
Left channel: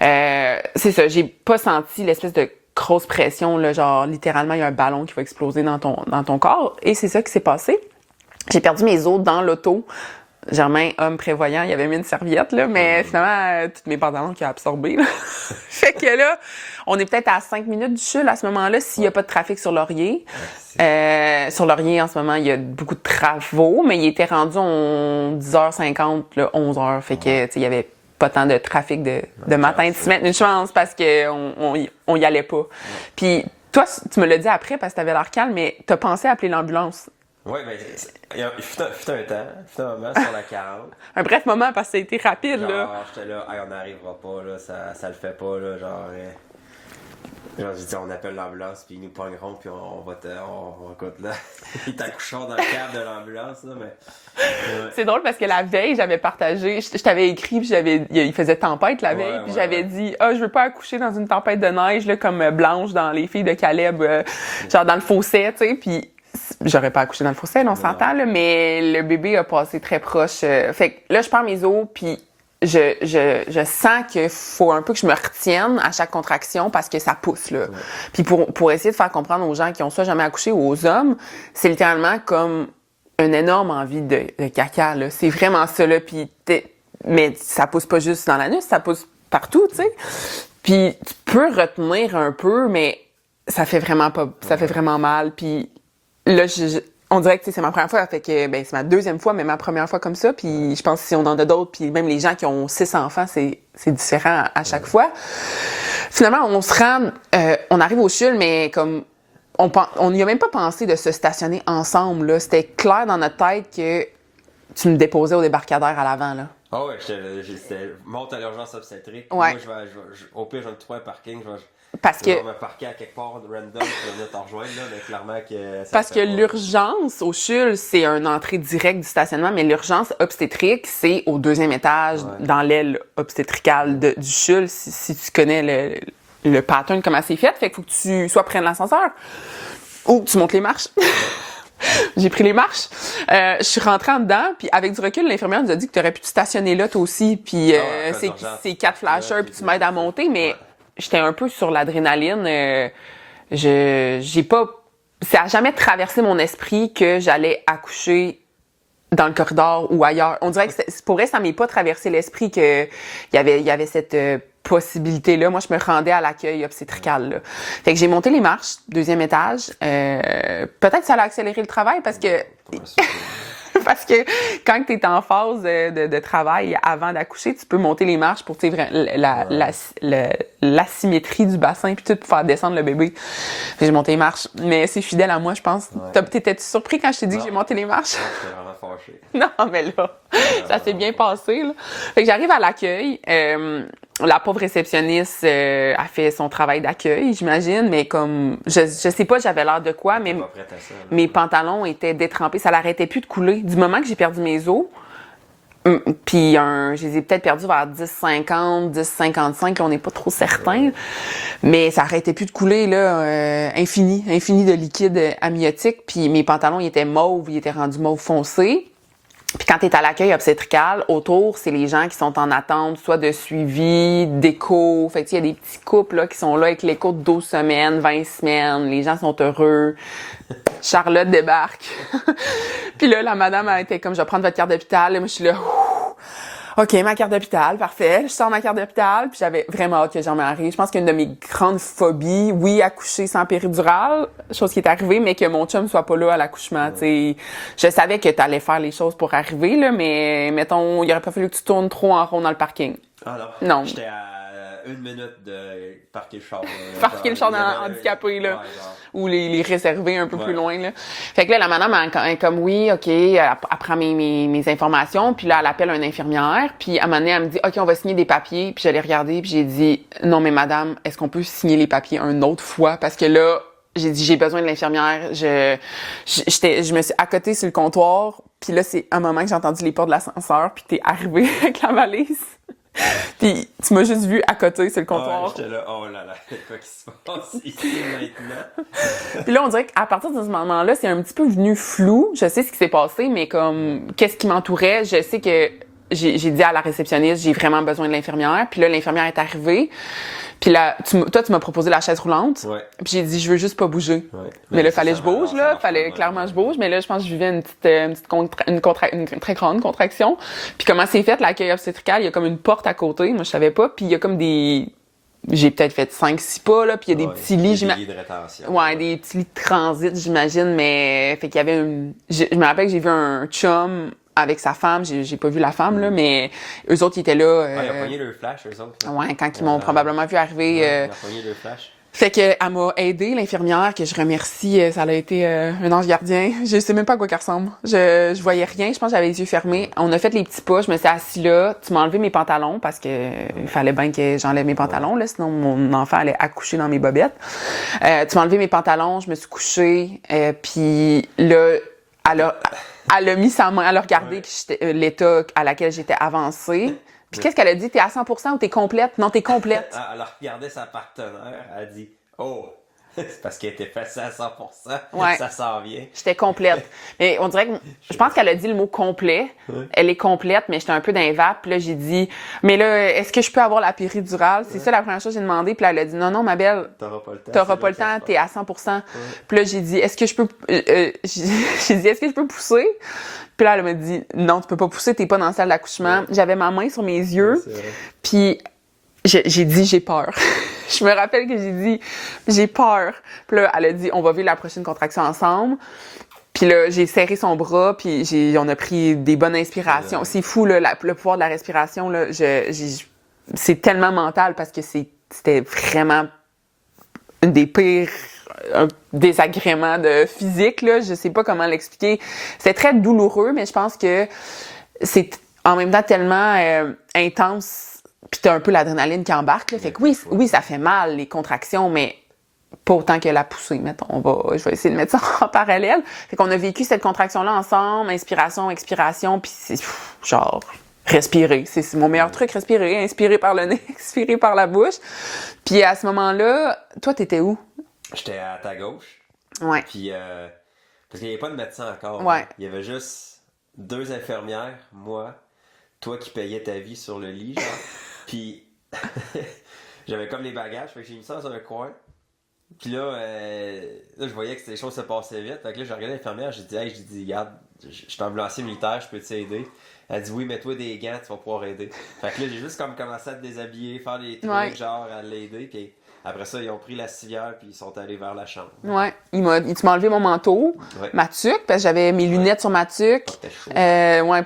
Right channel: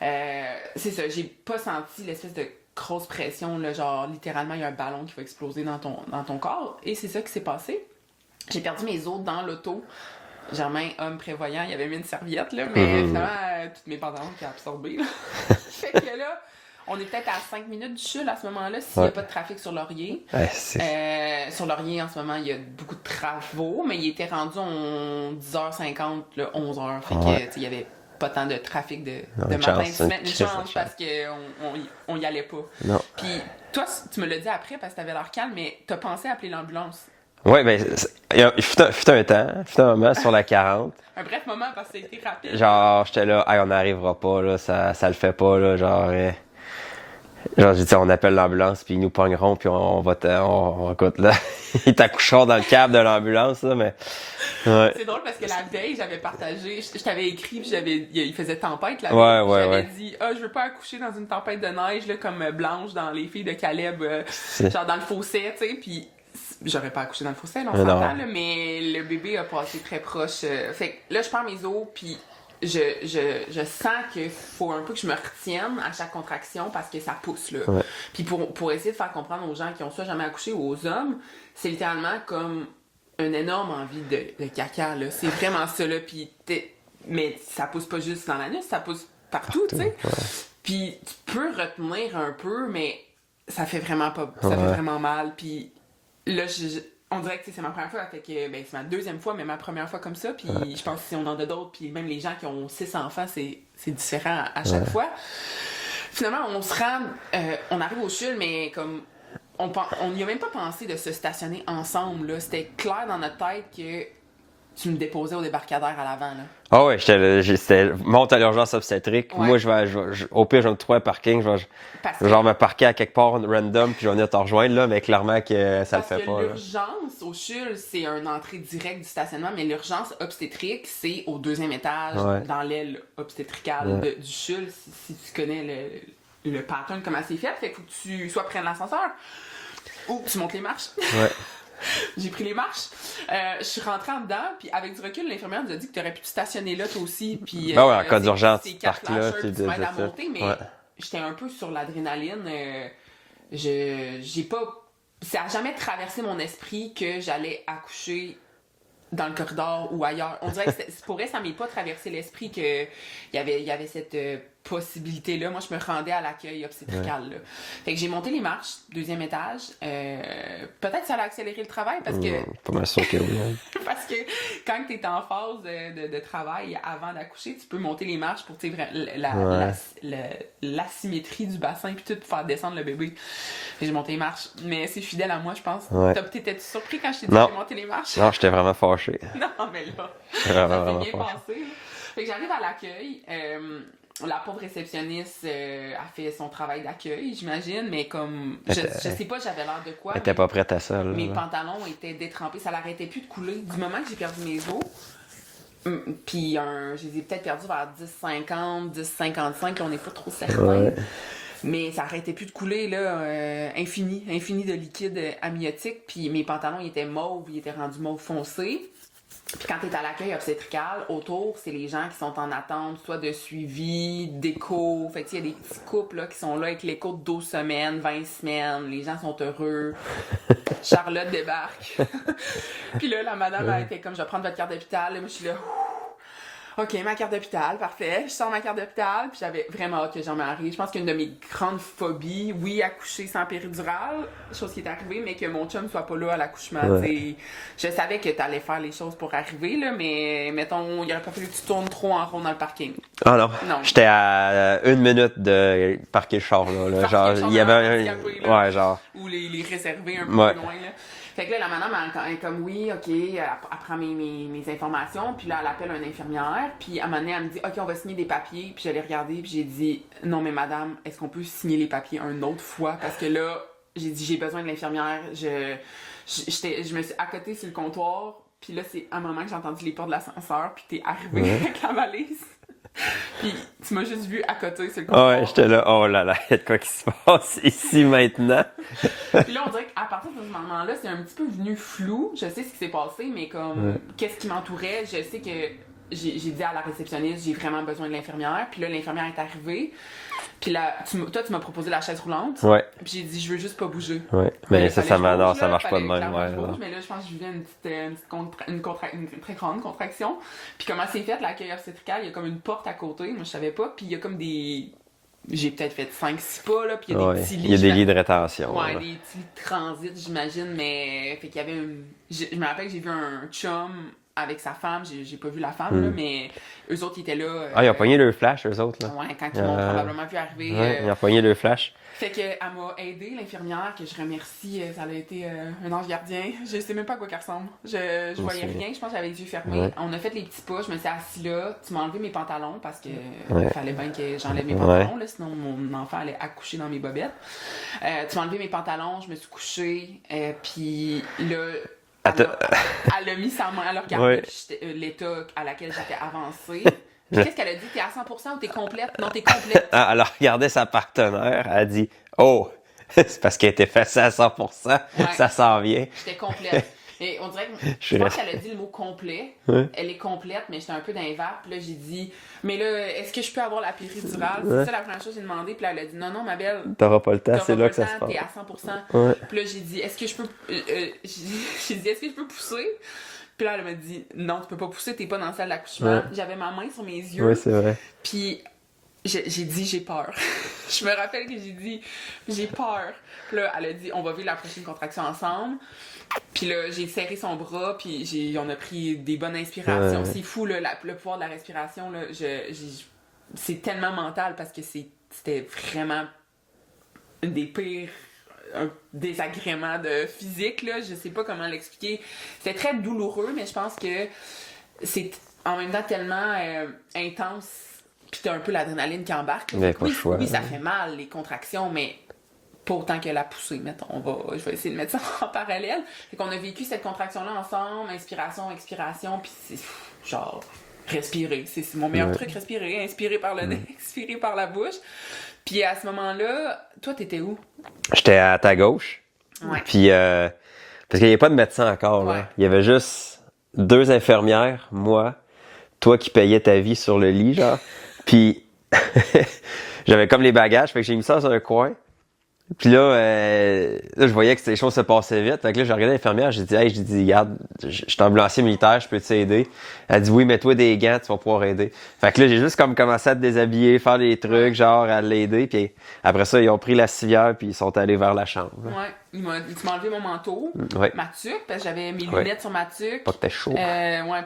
c'est ça, j'ai pas senti l'espèce de grosse pression, là, genre littéralement, il y a un ballon qui va exploser dans ton corps, et c'est ça qui s'est passé. J'ai perdu mes os dans l'auto. Germain, homme prévoyant, il avait mis une serviette, là, mais finalement, toutes mes pantalons qui a absorbé. Là. Fait que là, on est peut-être à 5 minutes du CHUL à ce moment-là, s'il n'y a pas de trafic sur Laurier. Sur Laurier, en ce moment, il y a beaucoup de travaux, mais il était rendu en 10h50, là, 11h. Fait que, tu sais, il y avait pas tant de trafic de matin de se mettre une chance parce qu'on y allait pas. Puis toi, tu me l'as dit après parce que t'avais l'air calme, mais t'as pensé à appeler l'ambulance. Oui, bien, il fut un moment sur la 40. Un bref moment parce que ça a été rapide. Genre, j'étais là, hey, on n'arrivera pas, là, ça le fait pas, là, genre j'ai dit, on appelle l'ambulance, puis ils nous pogneront, puis on écoute, là, ils t'accoucheront dans le câble de l'ambulance, là, mais... Ouais. C'est drôle parce que la veille, j'avais partagé, je t'avais écrit, puis il faisait tempête la veille, puis j'avais dit, je veux pas accoucher dans une tempête de neige, là, comme Blanche dans Les Filles de Caleb, genre dans le fossé, tu sais, puis... J'aurais pas accouché dans le fossé, on s'entend, là, mais le bébé a passé très proche. Fait que là, je perds mes os, puis je sens qu'il faut un peu que je me retienne à chaque contraction parce que ça pousse, là. Ouais. Puis pour essayer de faire comprendre aux gens qui ont soit jamais accouché ou aux hommes, c'est littéralement comme une énorme envie de caca, là. C'est vraiment ça, là. Puis mais ça pousse pas juste dans l'anus, ça pousse partout, tu sais. Ouais. Puis tu peux retenir un peu, mais ça fait vraiment pas... Ça fait vraiment mal, puis... Là, on dirait que c'est ma première fois, fait que c'est ma deuxième fois, mais ma première fois comme ça. Puis je pense que si on en a d'autres, puis même les gens qui ont 6 enfants, c'est différent à chaque fois. Finalement, on se rend, on arrive au CHUL, mais comme on n'y a même pas pensé de se stationner ensemble. Là. C'était clair dans notre tête que tu me déposais au débarcadère à l'avant. Là. Ah ouais, c'était monte à l'urgence obstétrique. Ouais. Moi, au pire, je vais me trouver un parking. Je vais me parquer à quelque part random, puis je vais venir te rejoindre, là, mais clairement que ça Parce le fait que pas, l'urgence au CHUL, c'est une entrée directe du stationnement, mais l'urgence obstétrique, c'est au 2e étage, dans l'aile obstétricale du CHUL, si tu connais le pattern, comment c'est fait. Fait qu'il faut que tu sois près de l'ascenseur ou que tu montes les marches. Ouais. J'ai pris les marches. Je suis rentrée en dedans, puis avec du recul, l'infirmière nous a dit que tu aurais pu te stationner là, toi aussi. Puis c'est 4 flashers, puis tu m'aides à monter, mais j'étais un peu sur l'adrénaline. J'ai pas... Ça a jamais traversé mon esprit que j'allais accoucher dans le corridor ou ailleurs. On dirait que pour vrai, ça m'est pas traversé l'esprit qu'il y avait cette possibilité-là. Moi, je me rendais à l'accueil obstétrical. Là. Fait que j'ai monté les marches, 2e étage. Peut-être que ça a accéléré le travail parce que... Pas mal sûr que... parce que quand tu es en phase de travail avant d'accoucher, tu peux monter les marches pour l'asymétrie du bassin puis tout pour faire descendre le bébé. Fait que j'ai monté les marches. Mais c'est fidèle à moi, je pense. Ouais. T'étais-tu surpris quand je t'ai dit que j'ai monté les marches? Non, j'étais vraiment fâché. Non, mais là, ça s'est bien passé. Là. Fait que j'arrive à l'accueil. La pauvre réceptionniste a fait son travail d'accueil, j'imagine, mais comme... Je sais pas, j'avais l'air de quoi, mais... pas prête à ça. Là, mes pantalons étaient détrempés. Ça l'arrêtait plus de couler. Du moment que j'ai perdu mes os, puis je les ai peut-être perdus vers 10,50, 10,55, là, on n'est pas trop certain. Ouais. Mais ça arrêtait plus de couler, là, infini de liquide amniotique. Puis mes pantalons, ils étaient mauves, ils étaient rendus mauve foncé. Puis quand tu es à l'accueil obstétrical, autour, c'est les gens qui sont en attente, soit de suivi, d'écho. Fait que il y a des petits couples là, qui sont là avec l'écho de 12 semaines, 20 semaines. Les gens sont heureux. Charlotte débarque. Puis là, la madame a été comme, je vais prendre votre carte d'hôpital. Et moi, je suis là, OK, ma carte d'hôpital, parfait. Je sors ma carte d'hôpital, puis j'avais vraiment hâte que j'en m'arrive. Je pense qu'une de mes grandes phobies, oui, accoucher sans péridurale, chose qui est arrivée, mais que mon chum soit pas là à l'accouchement. Ouais. Je savais que t'allais faire les choses pour arriver, là, mais mettons, il aurait pas fallu que tu tournes trop en rond dans le parking. Ah non. Non. J'étais à 1 minute de parquer le char, là. Parquer le char dans handicapé, là. Ouais, genre. Ou les réserver un peu plus loin, là. Fait que là, la madame est comme, oui, OK, elle prend mes informations, puis là, elle appelle une infirmière. Puis à un moment donné, elle me dit « OK, on va signer des papiers. » Puis j'allais regarder, puis j'ai dit « Non, mais madame, est-ce qu'on peut signer les papiers une autre fois? » Parce que là, j'ai dit « J'ai besoin de l'infirmière. » Je me suis accotée sur le comptoir. Puis là, c'est un moment que j'ai entendu les portes de l'ascenseur, puis t'es arrivé avec la valise. Puis tu m'as juste vu à côté sur le comptoir. Ouais, j'étais là, oh là là, il y a de quoi qui se passe ici maintenant. Puis là, on dirait qu'à partir de ce moment-là, c'est un petit peu venu flou. Je sais ce qui s'est passé, mais comme qu'est-ce qui m'entourait, je sais que j'ai dit à la réceptionniste, j'ai vraiment besoin de l'infirmière. Puis là, l'infirmière est arrivée. Puis là, toi, tu m'as proposé la chaise roulante. Ouais. Puis j'ai dit, je veux juste pas bouger. Ouais. Mais là, il fallait que je bouge, là. Fallait clairement que je bouge. Mais là, je pense que je vivais une très grande contraction. Puis comment c'est fait, l'accueil obstétrical, il y a comme une porte à côté. Moi, je savais pas. Puis il y a comme des... J'ai peut-être fait 5-6 pas, là. Puis il y a des petits lits. Il y a des lits de rétention. Ouais, des petits lits de transit, j'imagine. Mais fait qu'il y avait je me rappelle que j'ai vu un chum avec sa femme, j'ai pas vu la femme, là, mais eux autres, ils étaient là. Ils ont pogné le flash, eux autres, là. Ouais, quand ils m'ont probablement vu arriver. Ils ont pogné le flash. Fait qu'elle m'a aidée, l'infirmière, que je remercie. Ça a été un ange gardien. Je sais même pas à quoi qu'elle ressemble. Je voyais rien. Je pense que j'avais les yeux fermés. Ouais. On a fait les petits pas. Je me suis assise là. Tu m'as enlevé mes pantalons parce que fallait bien que j'enlève mes pantalons, là, sinon mon enfant allait accoucher dans mes bobettes. Tu m'as enlevé mes pantalons. Je me suis couchée. Puis là... Elle a mis sa main, elle a regardé l'état à laquelle j'étais avancée. Puis qu'est-ce qu'elle a dit? T'es à 100% ou t'es complète? Non, t'es complète. Elle a regardé sa partenaire, elle a dit « Oh! » C'est parce qu'elle était fessée à 100%, ça s'en vient. J'étais complète. Et on dirait que je pense qu'elle a dit le mot complet. Ouais. Elle est complète, mais j'étais un peu d'un vape. Puis là, j'ai dit, mais là, est-ce que je peux avoir la péridurale? C'est ça la première chose que j'ai demandé. Puis là, elle a dit, non, ma belle. T'auras pas le temps. T'auras pas le temps, t'es à 100%. Ouais. Puis là, j'ai dit, est-ce que je peux, est-ce que je peux pousser? Puis là, elle m'a dit, non, tu peux pas pousser, t'es pas dans la salle d'accouchement. Ouais. J'avais ma main sur mes yeux. Ouais, c'est vrai. Puis j'ai dit, j'ai peur. Je me rappelle que j'ai dit, j'ai peur. Puis là, elle a dit, on va vivre la prochaine contraction ensemble. Puis là, j'ai serré son bras, puis on a pris des bonnes inspirations. C'est fou, là, le pouvoir de la respiration, là. c'est tellement mental parce que c'était vraiment une des pires désagréments de physique, là. Je sais pas comment l'expliquer. C'était très douloureux, mais je pense que c'est en même temps tellement intense, puis t'as un peu l'adrénaline qui embarque, là. Fait que oui, ça fait mal, les contractions, mais pas autant que la poussée, mettons. Je vais essayer de mettre ça en parallèle. Fait qu'on a vécu cette contraction-là ensemble, inspiration, expiration, puis c'est genre respirer. C'est mon meilleur truc, respirer. Inspirer par le nez, expirer par la bouche. Puis à ce moment-là, toi, t'étais où? J'étais à ta gauche. Ouais. Puis, parce qu'il n'y avait pas de médecin encore. Ouais. Là. Il y avait juste 2 infirmières, moi, toi qui payais ta vie sur le lit, genre. Puis, j'avais comme les bagages, fait que j'ai mis ça dans un coin. Puis là, je voyais que les choses se passaient vite. Fait que là, j'ai regardé l'infirmière, j'ai dit, regarde, je suis ambulancier militaire, je peux t'aider. Elle dit, oui, mets-toi des gants, tu vas pouvoir aider. Fait que là, j'ai juste comme commencé à te déshabiller, faire des trucs, genre, à l'aider. Puis après ça, ils ont pris la civière, puis ils sont allés vers la chambre. Ouais. Tu m'as enlevé mon manteau, ma tuque, parce que j'avais mes lunettes sur ma tuque. Pas que t'es chaud.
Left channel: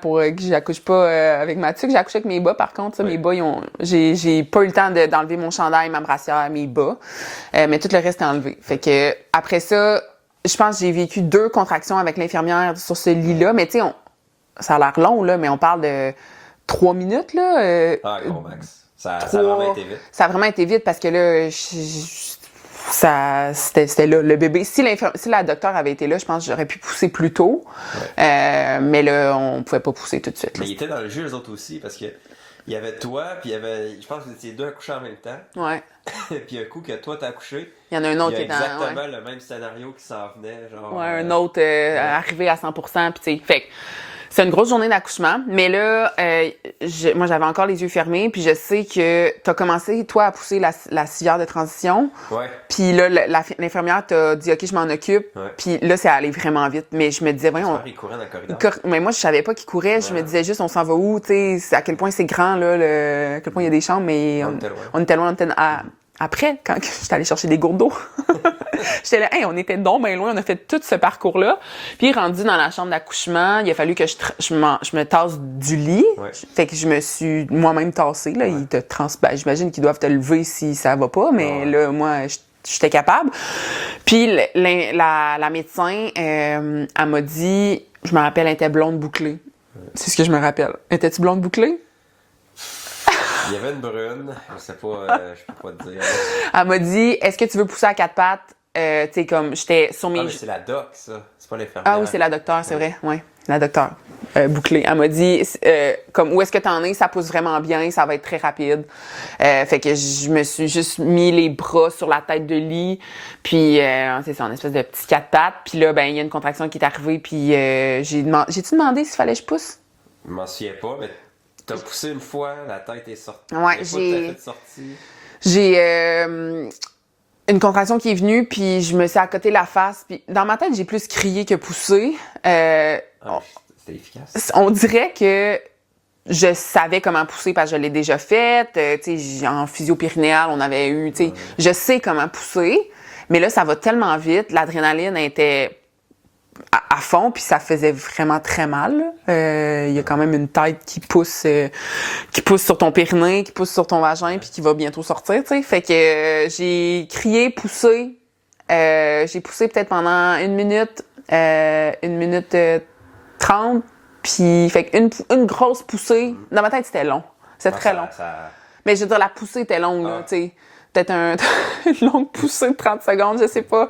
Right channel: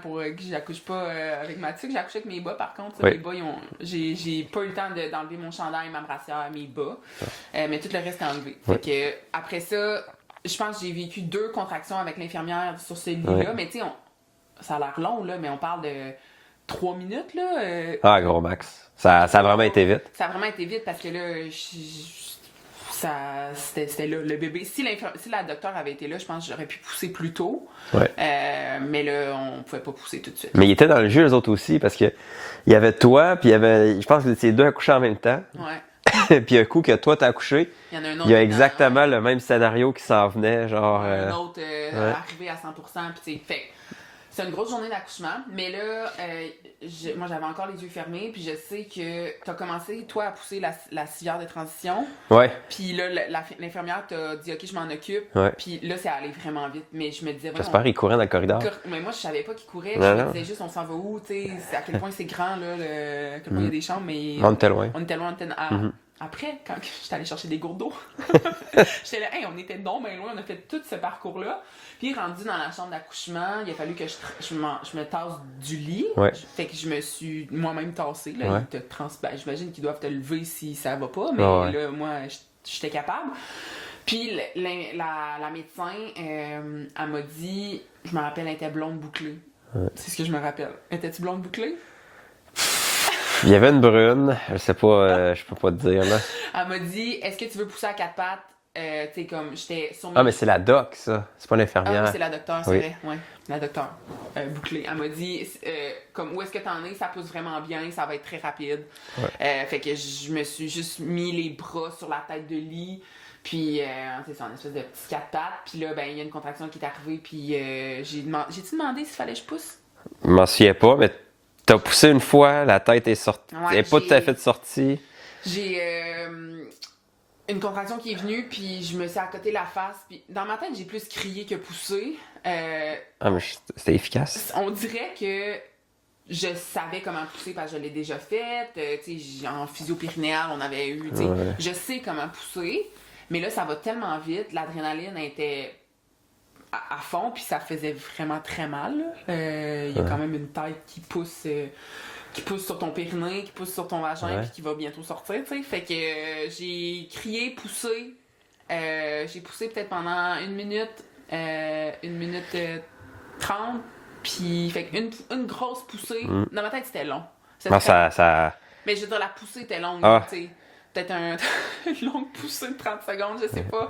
Pour que j'accouche pas avec ma tuque. J'ai accouché avec mes bas, par contre. Ça, mes bas, j'ai pas eu le temps d'enlever mon chandail, ma brassière, mes bas. Mais tout le reste est enlevé. Fait que après ça, je pense que j'ai vécu 2 contractions avec l'infirmière sur ce lit-là. Mais tu sais, ça a l'air long, là, mais on parle de 3 minutes, là. Gros max. Ça a vraiment été vite. Ça a vraiment été vite parce que là, c'était là. Le bébé, si la docteure avait été là, je pense que j'aurais pu pousser plus tôt. Mais là, on pouvait pas pousser tout de suite. Mais ils étaient dans le jeu, les autres aussi, parce que il y avait toi, puis il y avait, je pense que vous étiez 2 accouchés en même temps. Ouais. Puis un coup que toi t'as accouché, il y en a un autre. Il y a exactement le même scénario qui s'en venait, genre. Un autre arrivé à 100%, puis tu sais. Fait que c'est une grosse journée d'accouchement, mais là, moi j'avais encore les yeux fermés, puis je sais que t'as commencé, toi, à pousser la civière de transition. Ouais. Puis là, l'infirmière t'a dit, OK, je m'en occupe. Ouais. Puis là, c'est allé vraiment vite. Mais je me disais, voyons. J'espère qu'il courait dans le corridor. Mais moi, je savais pas qu'il courait. Je me disais juste, on s'en va où, tu sais, à quel point c'est grand, là, à quel point il y a des chambres, mais. On était loin. On était loin, Après, quand j'étais allée chercher des gourdes d'eau, j'étais là, on était donc bien loin, on a fait tout ce parcours-là. Puis rendu dans la chambre d'accouchement, il a fallu que je me tasse du lit. Ouais. Fait que je me suis moi-même tassée. Là, j'imagine qu'ils doivent te lever si ça va pas, mais là, moi, j'étais capable. Puis la médecin, elle m'a dit, je me rappelle, elle était blonde bouclée. Ouais. C'est ce que je me rappelle. Étais-tu blonde bouclée? Il y avait une brune, je sais pas, je peux pas te dire. Là. Elle m'a dit, est-ce que tu veux pousser à 4 pattes? Tu sais, comme j'étais sur mes... Ah, mais c'est la doc, ça. C'est pas l'infirmière. Ah oui, c'est la docteure, c'est vrai. Oui, la docteure. Bouclée. Elle m'a dit, comme, où est-ce que t'en es? Ça pousse vraiment bien, ça va être très rapide. Ouais. Fait que je me suis juste mis les bras sur la tête de lit, puis c'est ça, une espèce de petit 4 pattes. Puis là, ben il y a une contraction qui est arrivée, puis j'ai-tu demandé s'il fallait que je pousse? Je m'en souviens pas, mais t'as poussé une fois, la tête est sortie. Ouais, elle n'est pas tout à fait sortie. J'ai une contraction qui est venue, puis je me suis accoté la face. Puis dans ma tête, j'ai plus crié que poussé. C'était efficace. On dirait que je savais comment pousser parce que je l'ai déjà fait. Tu sais, en physio-périnéale, on avait eu... Tu sais, je sais comment pousser, mais là, ça va tellement vite. L'adrénaline était à fond, puis ça faisait vraiment très mal. Il y a quand même une tête qui pousse sur ton périnée, qui pousse sur ton vagin, puis qui va bientôt sortir, tu sais. Fait que j'ai crié, poussé. J'ai poussé peut-être pendant 1 minute 30, puis fait une grosse poussée. Dans ma tête, c'était long. C'était très long. Mais je veux dire, la poussée était longue, tu sais. Peut-être une longue poussée de 30 secondes, je sais pas.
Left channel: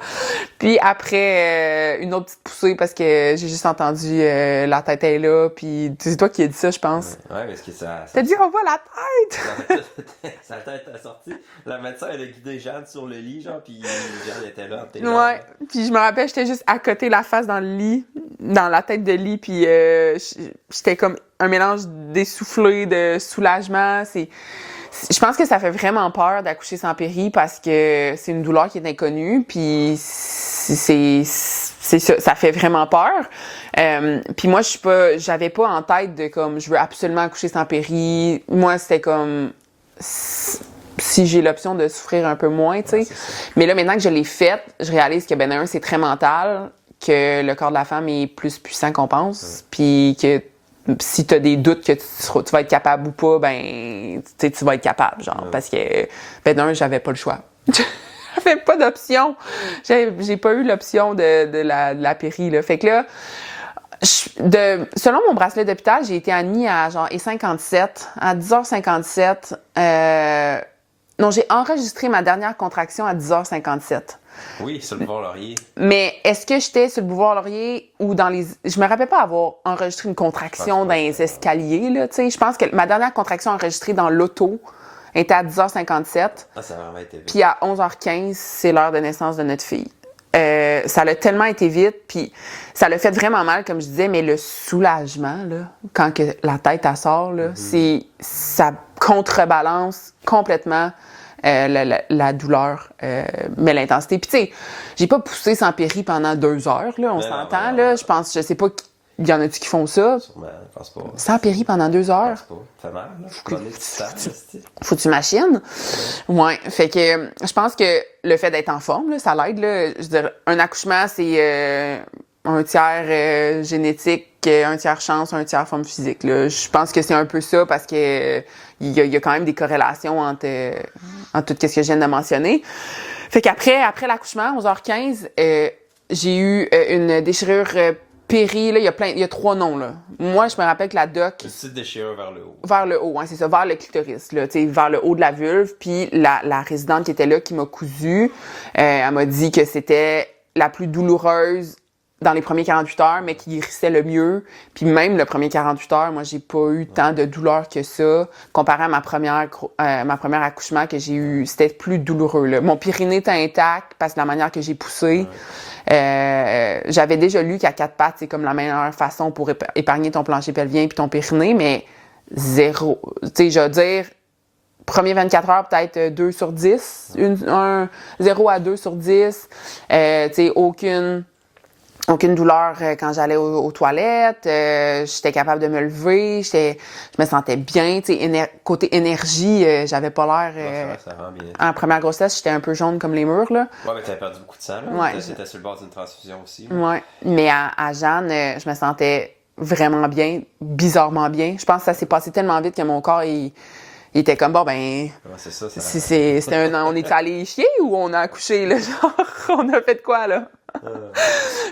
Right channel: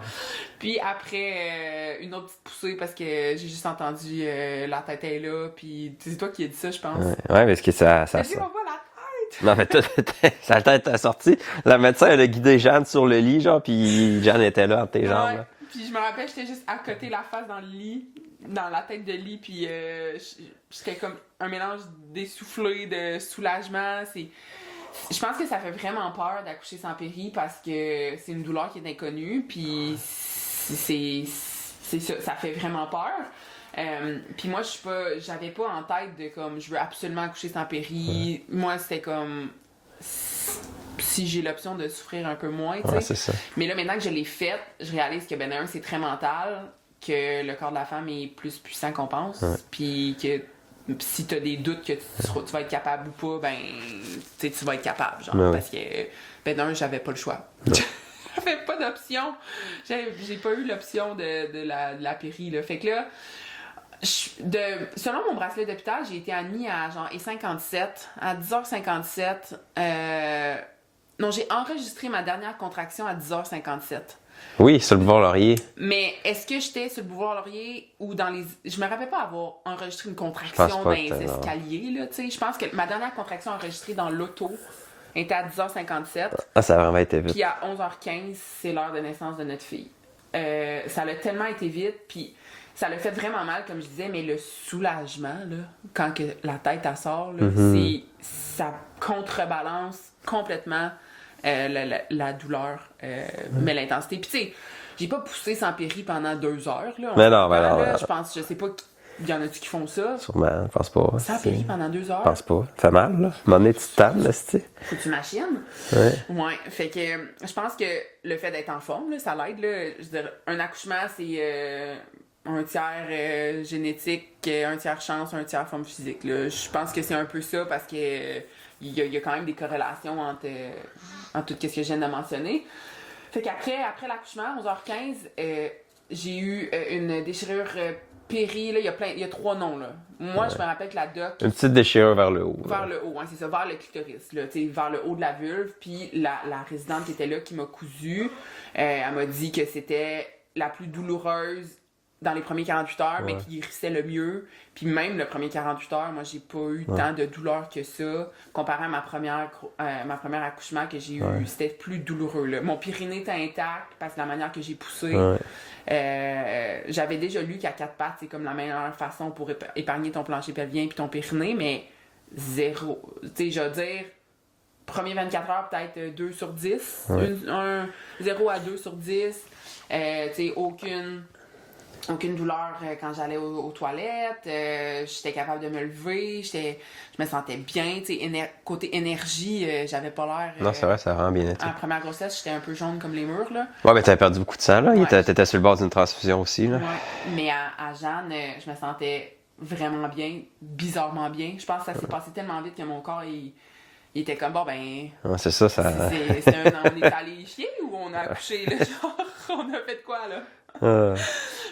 Puis après, une autre petite poussée parce que j'ai juste entendu la tête est là. Puis c'est toi qui as dit ça, je pense. Ouais, parce que ça T'as dit, on voit la tête! Non, mais sa tête est sortie. La médecin, elle a guidé Jeanne sur le lit, genre, puis Jeanne était là entre tes jambes. Ouais. Puis je me rappelle, j'étais juste à côté la face dans le lit, dans la tête de lit. Puis j'étais comme un mélange d'essoufflé, de soulagement. Je pense que ça fait vraiment peur d'accoucher sans péri parce que c'est une douleur qui est inconnue, puis c'est ça fait vraiment peur. Puis moi, j'avais pas en tête de comme je veux absolument accoucher sans péri. Moi, c'était comme si j'ai l'option de souffrir un peu moins, tu sais. Ouais, c'est ça. Mais là, maintenant que je l'ai faite, je réalise que c'est très mental, que le corps de la femme est plus puissant qu'on pense, puis que si tu as des doutes que tu vas être capable ou pas, ben, tu vas être capable, genre. Ouais. Parce que, ben, d'un, j'avais pas le choix. J'avais pas d'option. J'ai pas eu l'option de la péri, là. Fait que là, selon mon bracelet d'hôpital, j'ai été admis à genre E57, à 10h57. Non, j'ai enregistré ma dernière contraction à 10h57. Oui, sur le boulevard Laurier. Mais est-ce que j'étais sur le boulevard Laurier ou dans les... Je me rappelle pas avoir enregistré une contraction dans les escaliers, là, tu sais. Je pense que ma dernière contraction enregistrée dans l'auto était à 10h57. Ah, ça a vraiment été vite. Puis à 11h15, c'est l'heure de naissance de notre fille. Ça a tellement été vite, puis ça l'a fait vraiment mal, comme je disais, mais le soulagement, là, quand que la tête, elle sort, là, ça contrebalance complètement la douleur, mais l'intensité. Puis tu sais, j'ai pas poussé sans péri pendant 2 heures, là, on s'entend, là. Je sais pas, il y en a-tu qui font ça? Sûrement, je pense pas. Sans péri pendant 2 heures? Je pense pas. Ça fait mal, là. M'en est tu tables, là, c'est. Faut que tu machines. Ouais. Fait que je pense que le fait d'être en forme, là, ça l'aide, là. Je veux dire, un accouchement, c'est un tiers génétique, un tiers chance, un tiers forme physique, là. Je pense que c'est un peu ça parce que il y a quand même des corrélations entre tout ce que je viens de mentionner. Fait qu'après l'accouchement, 11h15, j'ai eu une déchirure péri, là, il y a 3 noms, là. Moi, je me rappelle que la doc... Une petite déchirure vers le haut. Vers le haut, hein, c'est ça, vers le clitoris, là, tu sais, vers le haut de la vulve. Puis la résidente qui était là, qui m'a cousu, elle m'a dit que c'était la plus douloureuse dans les premiers 48 heures, mais qui guérissait le mieux. Puis même le premier 48 heures, moi, j'ai pas eu tant de douleur que ça. Comparé à ma première accouchement que j'ai eu, c'était plus douloureux, là. Mon périnée était intact parce que la manière que j'ai poussé. J'avais déjà lu qu'à 4 pattes, c'est comme la meilleure façon pour épargner ton plancher pelvien puis ton périnée, mais zéro. Tu sais, je veux dire, premier 24 heures, peut-être 2 sur 10. 0 à 2 sur 10. Tu sais, aucune douleur quand j'allais aux toilettes. J'étais capable de me lever. Je me sentais bien. Tu sais, côté énergie, j'avais pas l'air... Non, c'est vrai, ça rend bien été. En première grossesse, j'étais un peu jaune comme les murs, là. Ouais, mais t'avais perdu beaucoup de sang, là. Ouais. T'étais sur le bord d'une transfusion aussi, là. Ouais. Mais à Jeanne, je me sentais vraiment bien, bizarrement bien. Je pense que ça s'est passé tellement vite que mon corps, il était comme, bon, ben... Ouais, c'est ça, ça... on est allé chier ou on a accouché, là? Genre, on a fait de quoi, là?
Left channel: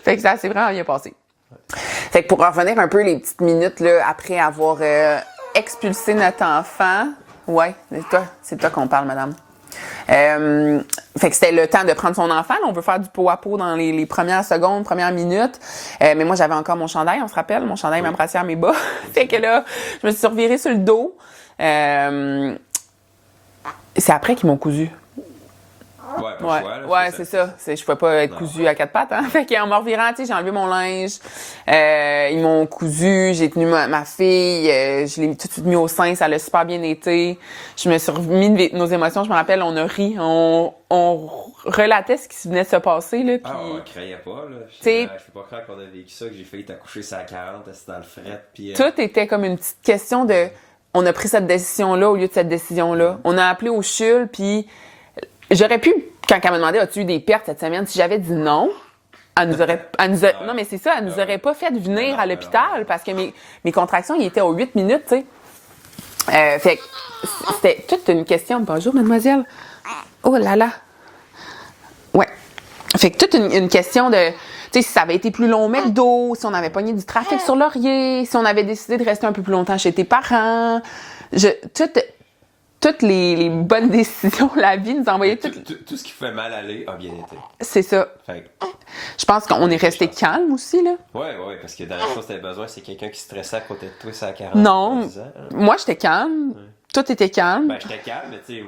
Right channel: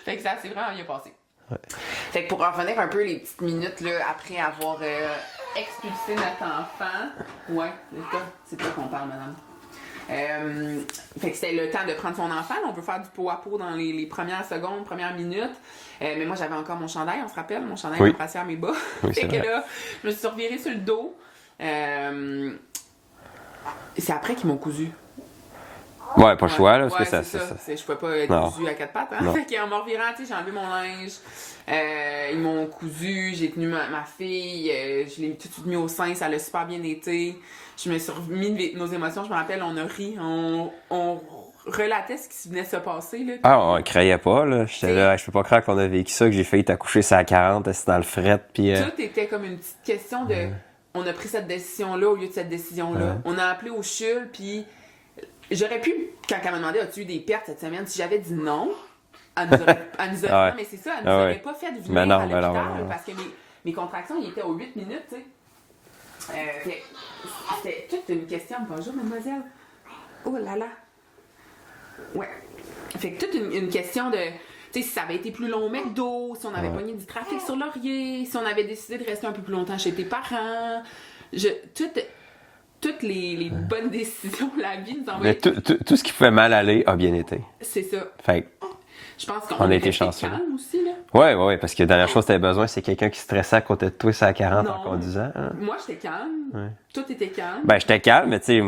Fait que ça s'est vraiment bien passé. Fait que pour revenir un peu les petites minutes, là, après avoir expulsé notre enfant... Ouais, c'est toi qu'on parle, madame. Fait que c'était le temps de prendre son enfant. Là, on veut faire du pot à pot dans les premières secondes, premières minutes. Mais moi, j'avais encore mon chandail, on se rappelle, mon chandail, ma brassière, mes bas. Fait que là, je me suis revirée sur le dos. C'est après qu'ils m'ont cousu. Ouais, pas le choix, là. Ouais, c'est ça. Je pouvais pas être cousue à 4 pattes, hein. Fait qu'en me revirant, tu sais, j'ai enlevé mon linge. Ils m'ont cousu, j'ai tenu ma fille, je l'ai tout de suite mis au sein, ça l'a super bien été. Je me suis remis de nos émotions, je me rappelle, on a ri, on relatait ce qui venait de se passer, là. Ah, on criait pas, là. J'étais là, je peux pas croire qu'on a vécu ça, que j'ai failli t'accoucher ça à 40, c'était dans le fret, puis... Tout était comme une petite question de... On a pris cette décision-là au lieu de cette décision-là. On a appelé au CHUL, puis... J'aurais pu, quand elle m'a demandé, as-tu eu des pertes cette semaine? Si j'avais dit non, elle nous aurait non, mais c'est ça, elle nous aurait pas fait venir à l'hôpital parce que mes contractions, ils étaient aux 8 minutes, tu sais. Fait que c'était toute une question. Bonjour, mademoiselle. Oh là là. Ouais. Fait que toute une question de... Tu sais, si ça avait été plus long au McDo, si on avait pogné du trafic sur Laurier, si on avait décidé de rester un peu plus longtemps chez tes parents. Toutes les bonnes décisions, la vie nous envoyait... Tout ce qui pouvait mal aller a bien été. C'est ça. Fait je pense qu'on est resté calme aussi, là. Ouais, parce que la dernière chose que tu avais besoin, c'est quelqu'un qui stressait à côté de toi, ça à 40 non, ans. Moi, j'étais calme. Ouais. Tout était calme. Ben, j'étais calme, mais tu sais,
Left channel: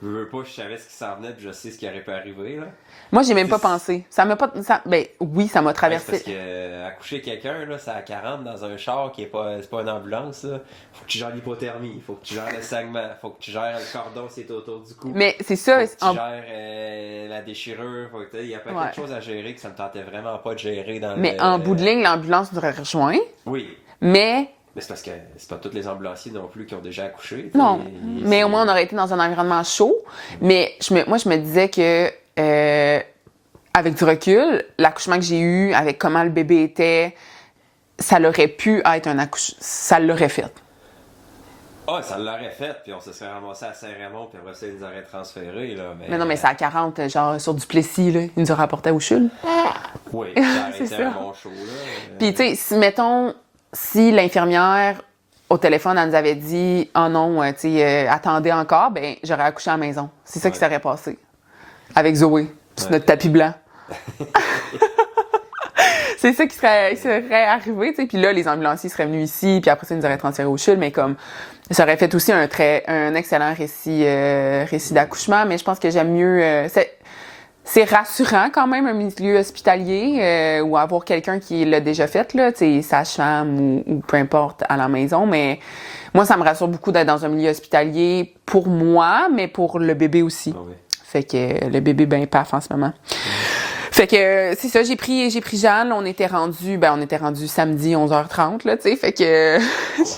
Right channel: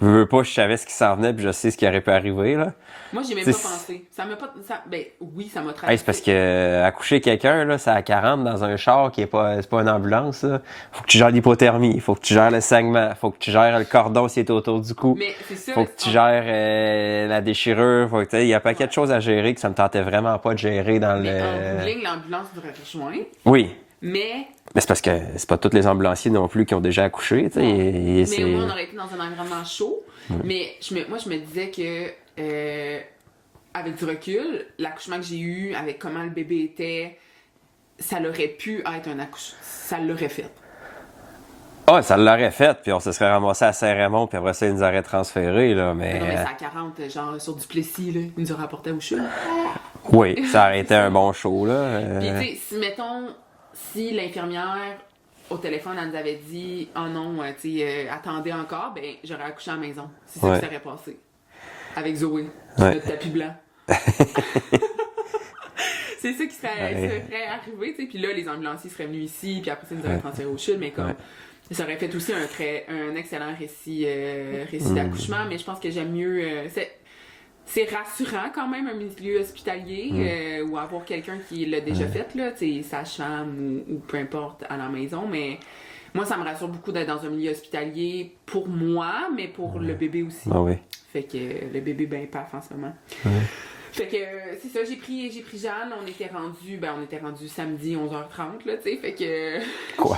je veux pas, je savais ce qui s'en venait, puis je sais ce qui aurait pu arriver, là. Moi, j'ai même pas pensé. Ça m'a pas... ben, oui, ça m'a traversé. C'est parce que accoucher quelqu'un, là, c'est à 40 dans un char qui est pas une ambulance, là. Faut que tu gères l'hypothermie, faut que tu gères le saignement, faut que tu gères le cordon s'il est autour du cou. Mais c'est ça. Faut que tu gères la déchirure, faut que il y a pas paquet de choses à gérer que ça me tentait vraiment pas de gérer dans mais en bout de ligne, l'ambulance nous aurait rejoint. Oui. Mais c'est parce que c'est pas tous les ambulanciers non plus qui ont déjà accouché. Non. Mais au moins, on aurait été dans un environnement chaud. Mais moi, je me disais que avec du recul, l'accouchement que j'ai eu, avec comment le bébé était, ça l'aurait pu être un accouchement. Ça l'aurait fait. Ah, ça l'aurait fait, puis on se serait ramassé à Saint-Raymond, puis après ça, ils nous auraient transférés, là, mais... Non, mais c'est à 40, genre sur Duplessis, là. Il nous a rapporté à Ouchul. Oui, ça aurait été ça. un bon show, là. Puis, tu sais, mettons, si l'infirmière, au téléphone, elle nous avait dit « Oh non, tu sais, attendez encore », ben j'aurais accouché à la maison. C'est ça qui serait passé. Avec Zoé, sur notre tapis blanc. C'est ça qui serait arrivé, tu sais. Puis là, les ambulanciers seraient venus ici, puis après ça, ils nous auraient transféré au CHUL, mais comme... Ça aurait fait aussi un excellent récit d'accouchement, mais je pense que j'aime mieux... c'est rassurant quand même, un milieu hospitalier, ou avoir quelqu'un qui l'a déjà fait, là, tu sais, sage-femme ou peu importe, à la maison, mais moi, ça me rassure beaucoup d'être dans un milieu hospitalier pour moi, mais pour le bébé aussi. Ah oui. Fait que le bébé ben paf en ce moment. Fait que c'est ça, j'ai pris Jeanne, on était rendu samedi 11h30 là, tu sais, fait que Quoi?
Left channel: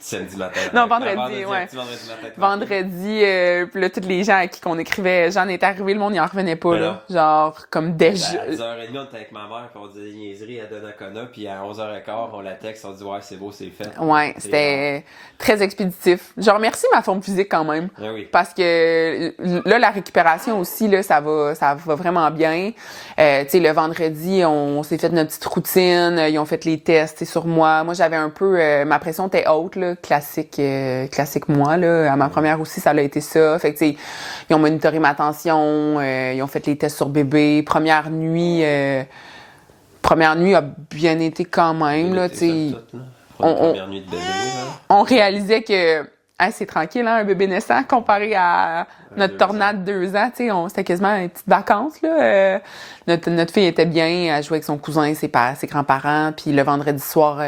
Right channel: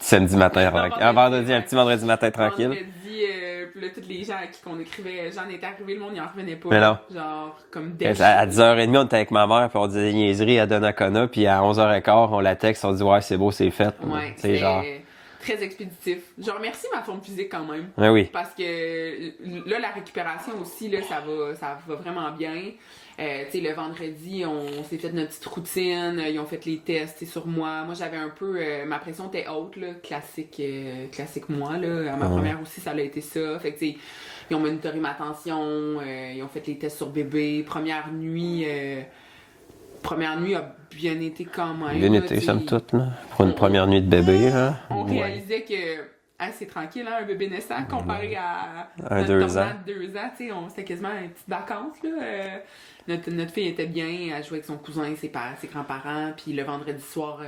Samedi matin, non, vendredi, un petit vendredi matin tranquille. Vendredi, puis là, tous les gens à qui qu'on écrivait, Jeanne est arrivée, le monde n'y en revenait pas, là, genre comme déjà. À 10h30, on était avec ma mère, puis on disait des niaiseries à Donnacona, puis à 11h15, on la texte, on dit ouais, c'est beau, c'est fait. Ouais, c'était très expéditif. Je remercie ma forme physique quand même. Ah oui. Parce que là, la récupération aussi, là, ça va vraiment bien. Tu sais, le vendredi, on s'est fait notre petite routine. Ils ont fait les tests sur moi. Moi, j'avais un peu... ma pression était haute, là, classique moi. Là. À ma première aussi, ça a été ça. Fait que, tu sais, ils ont monitoré ma tension. Ils ont fait les tests sur bébé. Première nuit a bien été quand même. Bien été, somme toute, là. Pour une première nuit de bébé, là. On réalisait que c'est tranquille, hein, un bébé naissant, comparé à notre tornade de 2 ans. C'était quasiment une petite vacance. Là. Notre fille était bien, elle jouait avec son cousin, ses grands-parents. Puis le vendredi soir,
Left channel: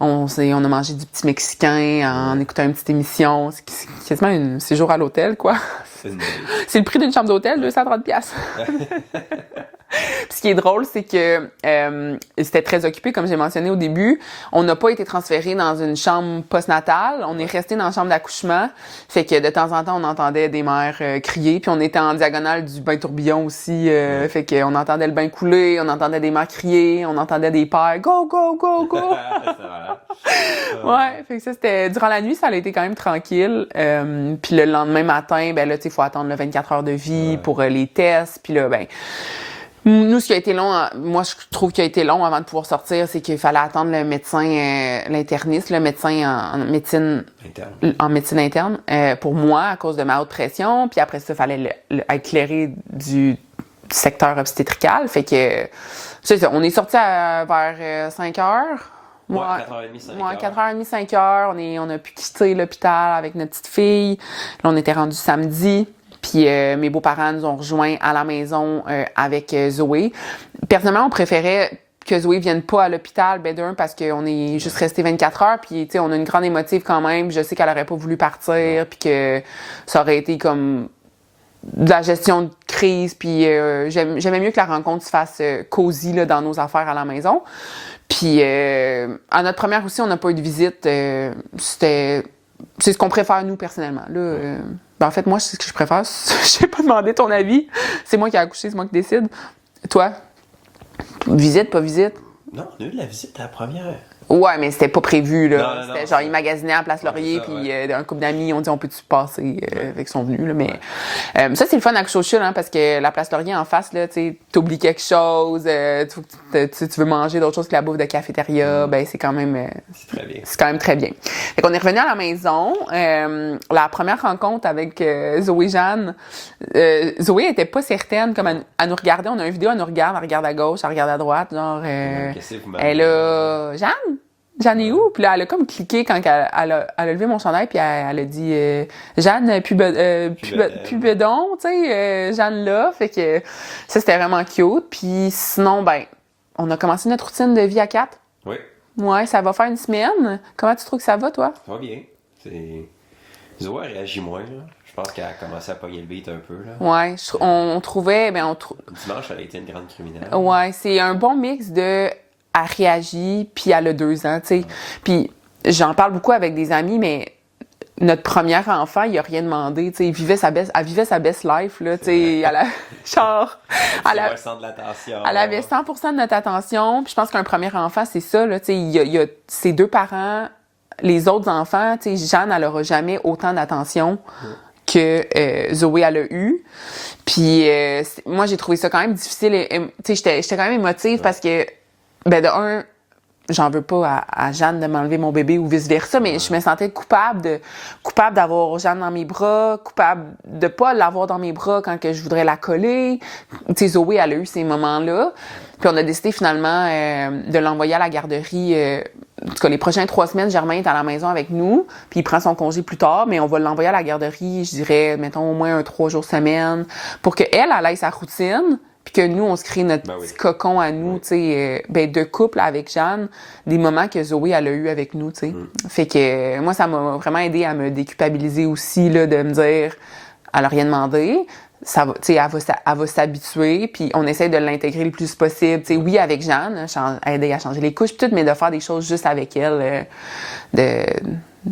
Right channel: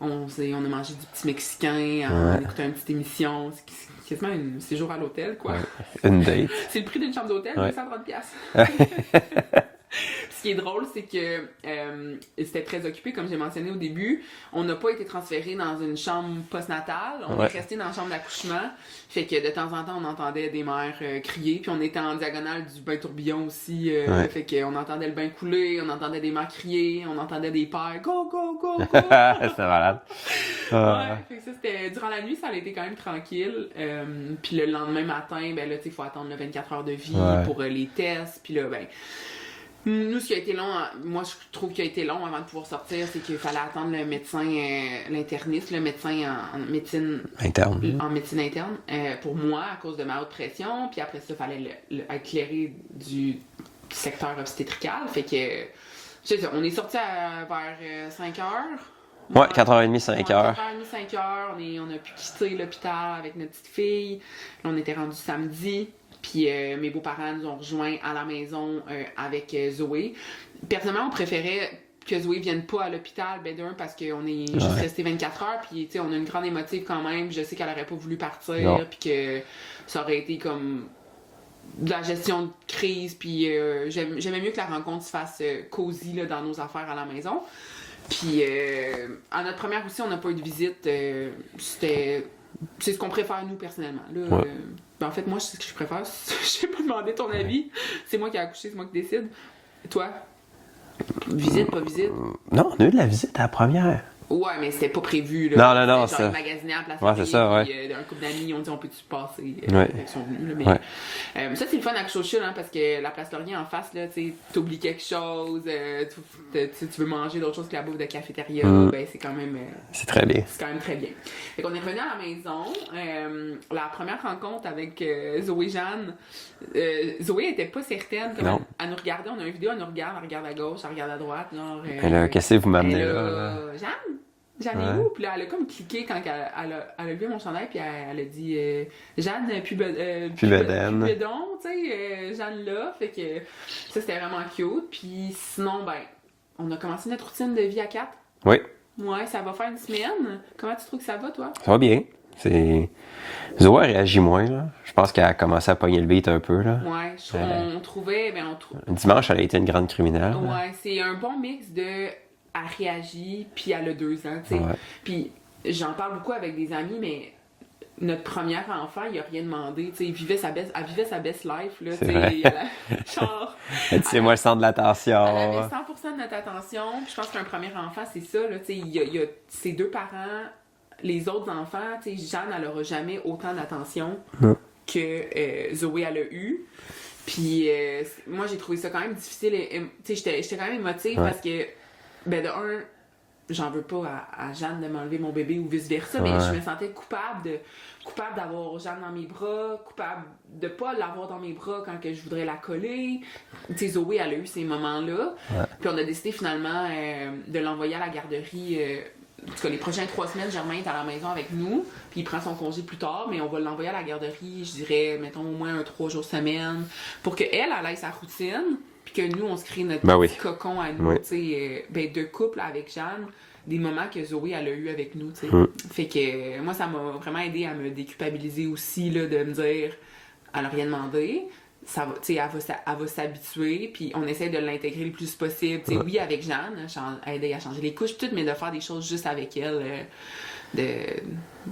on a mangé du petit mexicain en écoutant une petite émission. C'est quasiment un séjour à l'hôtel, quoi. C'est une date. C'est le prix d'une chambre d'hôtel, 230$. Puis ce qui est drôle, c'est que c'était très occupé, comme j'ai mentionné au début. On n'a pas été transféré dans une chambre postnatale. On est resté dans la chambre d'accouchement. Fait que de temps en temps, on entendait des mères crier. Puis on était en diagonale du bain tourbillon aussi. Fait qu'on entendait le bain couler, on entendait des mères crier, on entendait des pères « Go, go, go, go! » C'était malade. Ouais, fait que ça, c'était... Durant la nuit, ça a été quand même tranquille. Puis le lendemain matin, ben là, tu sais, il faut attendre 24 heures de vie pour les tests. Puis là, ben... Nous, ce qui a été long, moi, je trouve qu'il a été long avant de pouvoir sortir, c'est qu'il fallait attendre le médecin, l'interniste, le médecin en médecine interne, pour moi, à cause de ma haute pression. Puis après ça, il fallait être clairé du secteur obstétrical. Fait que, c'est ça, on est sorti vers 5 heures. Ouais, 4h30, 5h. 4h30, 5h. On a pu quitter l'hôpital avec notre petite fille. Là, on était rendu samedi. Puis mes beaux-parents nous ont rejoints à la maison avec Zoé. Personnellement, on préférait que Zoé vienne pas à l'hôpital, ben d'un, parce qu'on est juste resté 24 heures. Puis, tu sais, on a une grande émotive quand même. Je sais qu'elle aurait pas voulu partir, puis que ça aurait été comme de la gestion de crise. Puis j'aimais mieux que la rencontre se fasse cosy là, dans nos affaires à la maison. Puis à notre première aussi, on n'a pas eu de visite. C'est ce qu'on préfère, nous, personnellement. Là, ben, en fait, moi, c'est ce que je préfère. Je n'ai pas demandé ton avis. C'est moi qui ai accouché, c'est moi qui décide. Toi? Visite, pas visite? Non, on a eu de la visite à la première. Ouais, mais c'était pas prévu, là. Non, genre, ils magasinaient à Place Laurier, puis un couple d'amis, on dit, on peut-tu passer avec son venu, là. Mais ça, c'est le fun à coucher au CHUL, hein, parce que la Place Laurier, en face, là, tu sais, t'oublies quelque chose, tu veux manger d'autres choses que la bouffe de cafétéria, ben, c'est quand même... c'est très bien. C'est quand même très bien. Fait qu'on est revenu à la maison. La première rencontre avec Zoé Jeanne, Zoé était pas certaine, comme elle nous regardait, on a une vidéo, elle nous regarde, elle regarde à gauche, elle regarde à droite, genre... qu'est-ce que vous m'amenez? Elle a... Jeanne? Jeanne est où? Puis là, elle a comme cliqué quand elle a levé mon chandail, puis elle a dit Jeanne, plus bedon, tu sais, Jeanne là. Fait que ça, c'était vraiment cute. Puis sinon, ben, on a commencé notre routine de vie à 4. Oui. Ouais, ça va faire une semaine. Comment tu trouves que ça va, toi? Ça va bien. Zoé réagit moins, là. Je pense qu'elle a commencé à pogner le beat un peu, là. Ouais, on trouvait... Dimanche, elle a été une grande criminelle. Ouais, c'est un bon mix de... Elle réagit, puis elle a 2 ans, tu sais. Ouais. Puis j'en parle beaucoup avec des amis, mais notre premier enfant, il a rien demandé, tu sais, elle vivait sa best life, là, tu sais, genre... C'est moi le centre de l'attention. Elle avait 100% de notre attention, puis je pense qu'un premier enfant, c'est ça, là, tu sais, il y a ses deux parents, les autres enfants, tu sais, Jeanne, elle aura jamais autant d'attention que Zoé, elle a eu. Puis moi, j'ai trouvé ça quand même difficile, tu sais, j'étais quand même émotive parce que, ben de un, j'en veux pas à Jeanne de m'enlever mon bébé ou vice-versa, mais je me sentais coupable d'avoir Jeanne dans mes bras, coupable de pas l'avoir dans mes bras quand que je voudrais la coller. Tu sais, Zoé, elle a eu ces moments-là. Puis on a décidé finalement de l'envoyer à la garderie. En tout cas, les prochaines 3 semaines, Germain est à la maison avec nous, puis il prend son congé plus tard, mais on va l'envoyer à la garderie, je dirais, mettons, au moins 3 jours semaine, pour qu'elle aille sa routine, puis que nous, on se crée notre petit cocon à nous, tu sais, de couple avec Jeanne, des moments que Zoé, elle a eu avec nous, tu sais. Fait que moi, ça m'a vraiment aidé à me déculpabiliser aussi, là, de me dire, elle a rien demandé, ça va, tu sais, elle va s'habituer, puis on essaie de l'intégrer le plus possible, tu sais, oui, avec Jeanne, aider à changer les couches, puis tout, mais de faire des choses juste avec elle, tu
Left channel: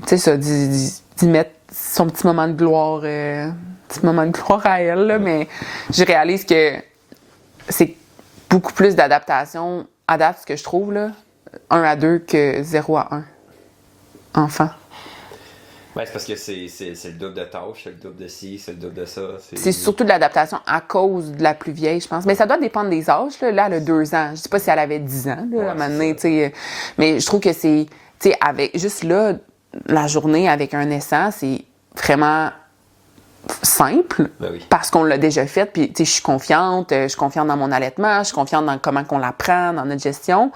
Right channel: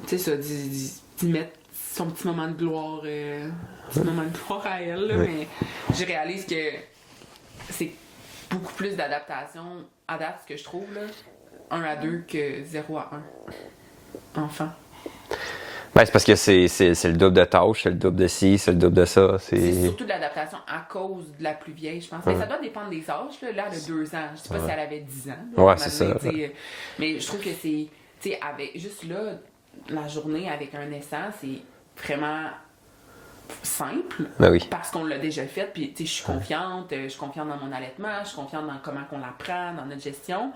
sais, ça, d'y mettre son petit moment de gloire, à elle, là, mais je réalise que c'est beaucoup plus d'adaptation à date, ce que je trouve, là, 1 à 2 que 0 à 1 enfant. Ben, c'est parce que c'est le double de tâches, c'est le double de ci, c'est le double de ça. C'est surtout de l'adaptation à cause de la plus vieille, je pense. Mais ça doit dépendre des âges. Là, elle a 2 ans. Je sais pas si elle avait 10 ans. Là, à un moment donné, mais je trouve que c'est... Tu sais, avec juste là, la journée avec un naissant, c'est vraiment simple, parce qu'on l'a déjà fait, puis tu sais, je suis confiante dans mon allaitement, je suis confiante dans comment qu'on la prend, dans notre gestion.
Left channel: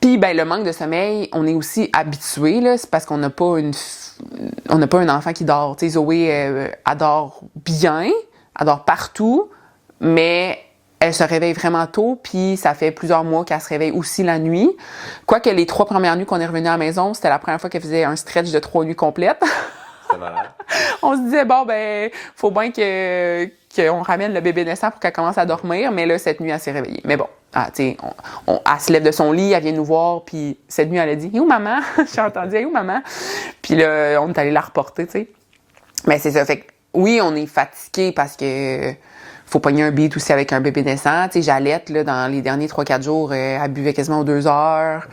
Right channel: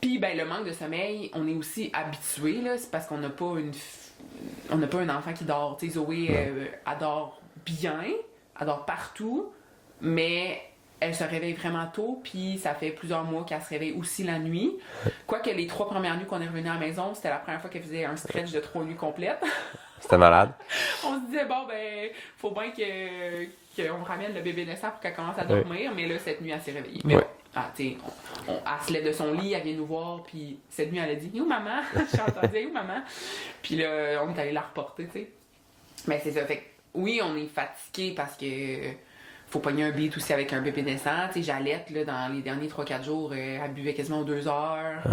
Puis ben le manque de sommeil, on est aussi habitué, là, c'est parce qu'on n'a pas un enfant qui dort. Tu sais, Zoé, elle dort bien, elle dort partout, mais elle se réveille vraiment tôt, puis ça fait plusieurs mois qu'elle se réveille aussi la nuit. Quoique les 3 premières nuits qu'on est revenu à la maison, c'était la première fois qu'elle faisait un stretch de 3 nuits complètes. C'était malade. On se disait, bon, ben, faut bien qu'on ramène le bébé naissant pour qu'elle commence à dormir, mais là, cette nuit, elle s'est réveillée. Mais bon, tu sais, elle se lève de son lit, elle vient nous voir, puis cette nuit, elle a dit, « Et où maman? » J'ai entendu, « Et où maman? » Puis là, on est allé la reporter, tu sais. Mais c'est ça, fait que oui, on est fatigué parce que faut pogner un beat aussi avec un bébé naissant. Tu sais, j'allaite, là, dans les derniers 3-4 jours, elle buvait quasiment aux 2 heures.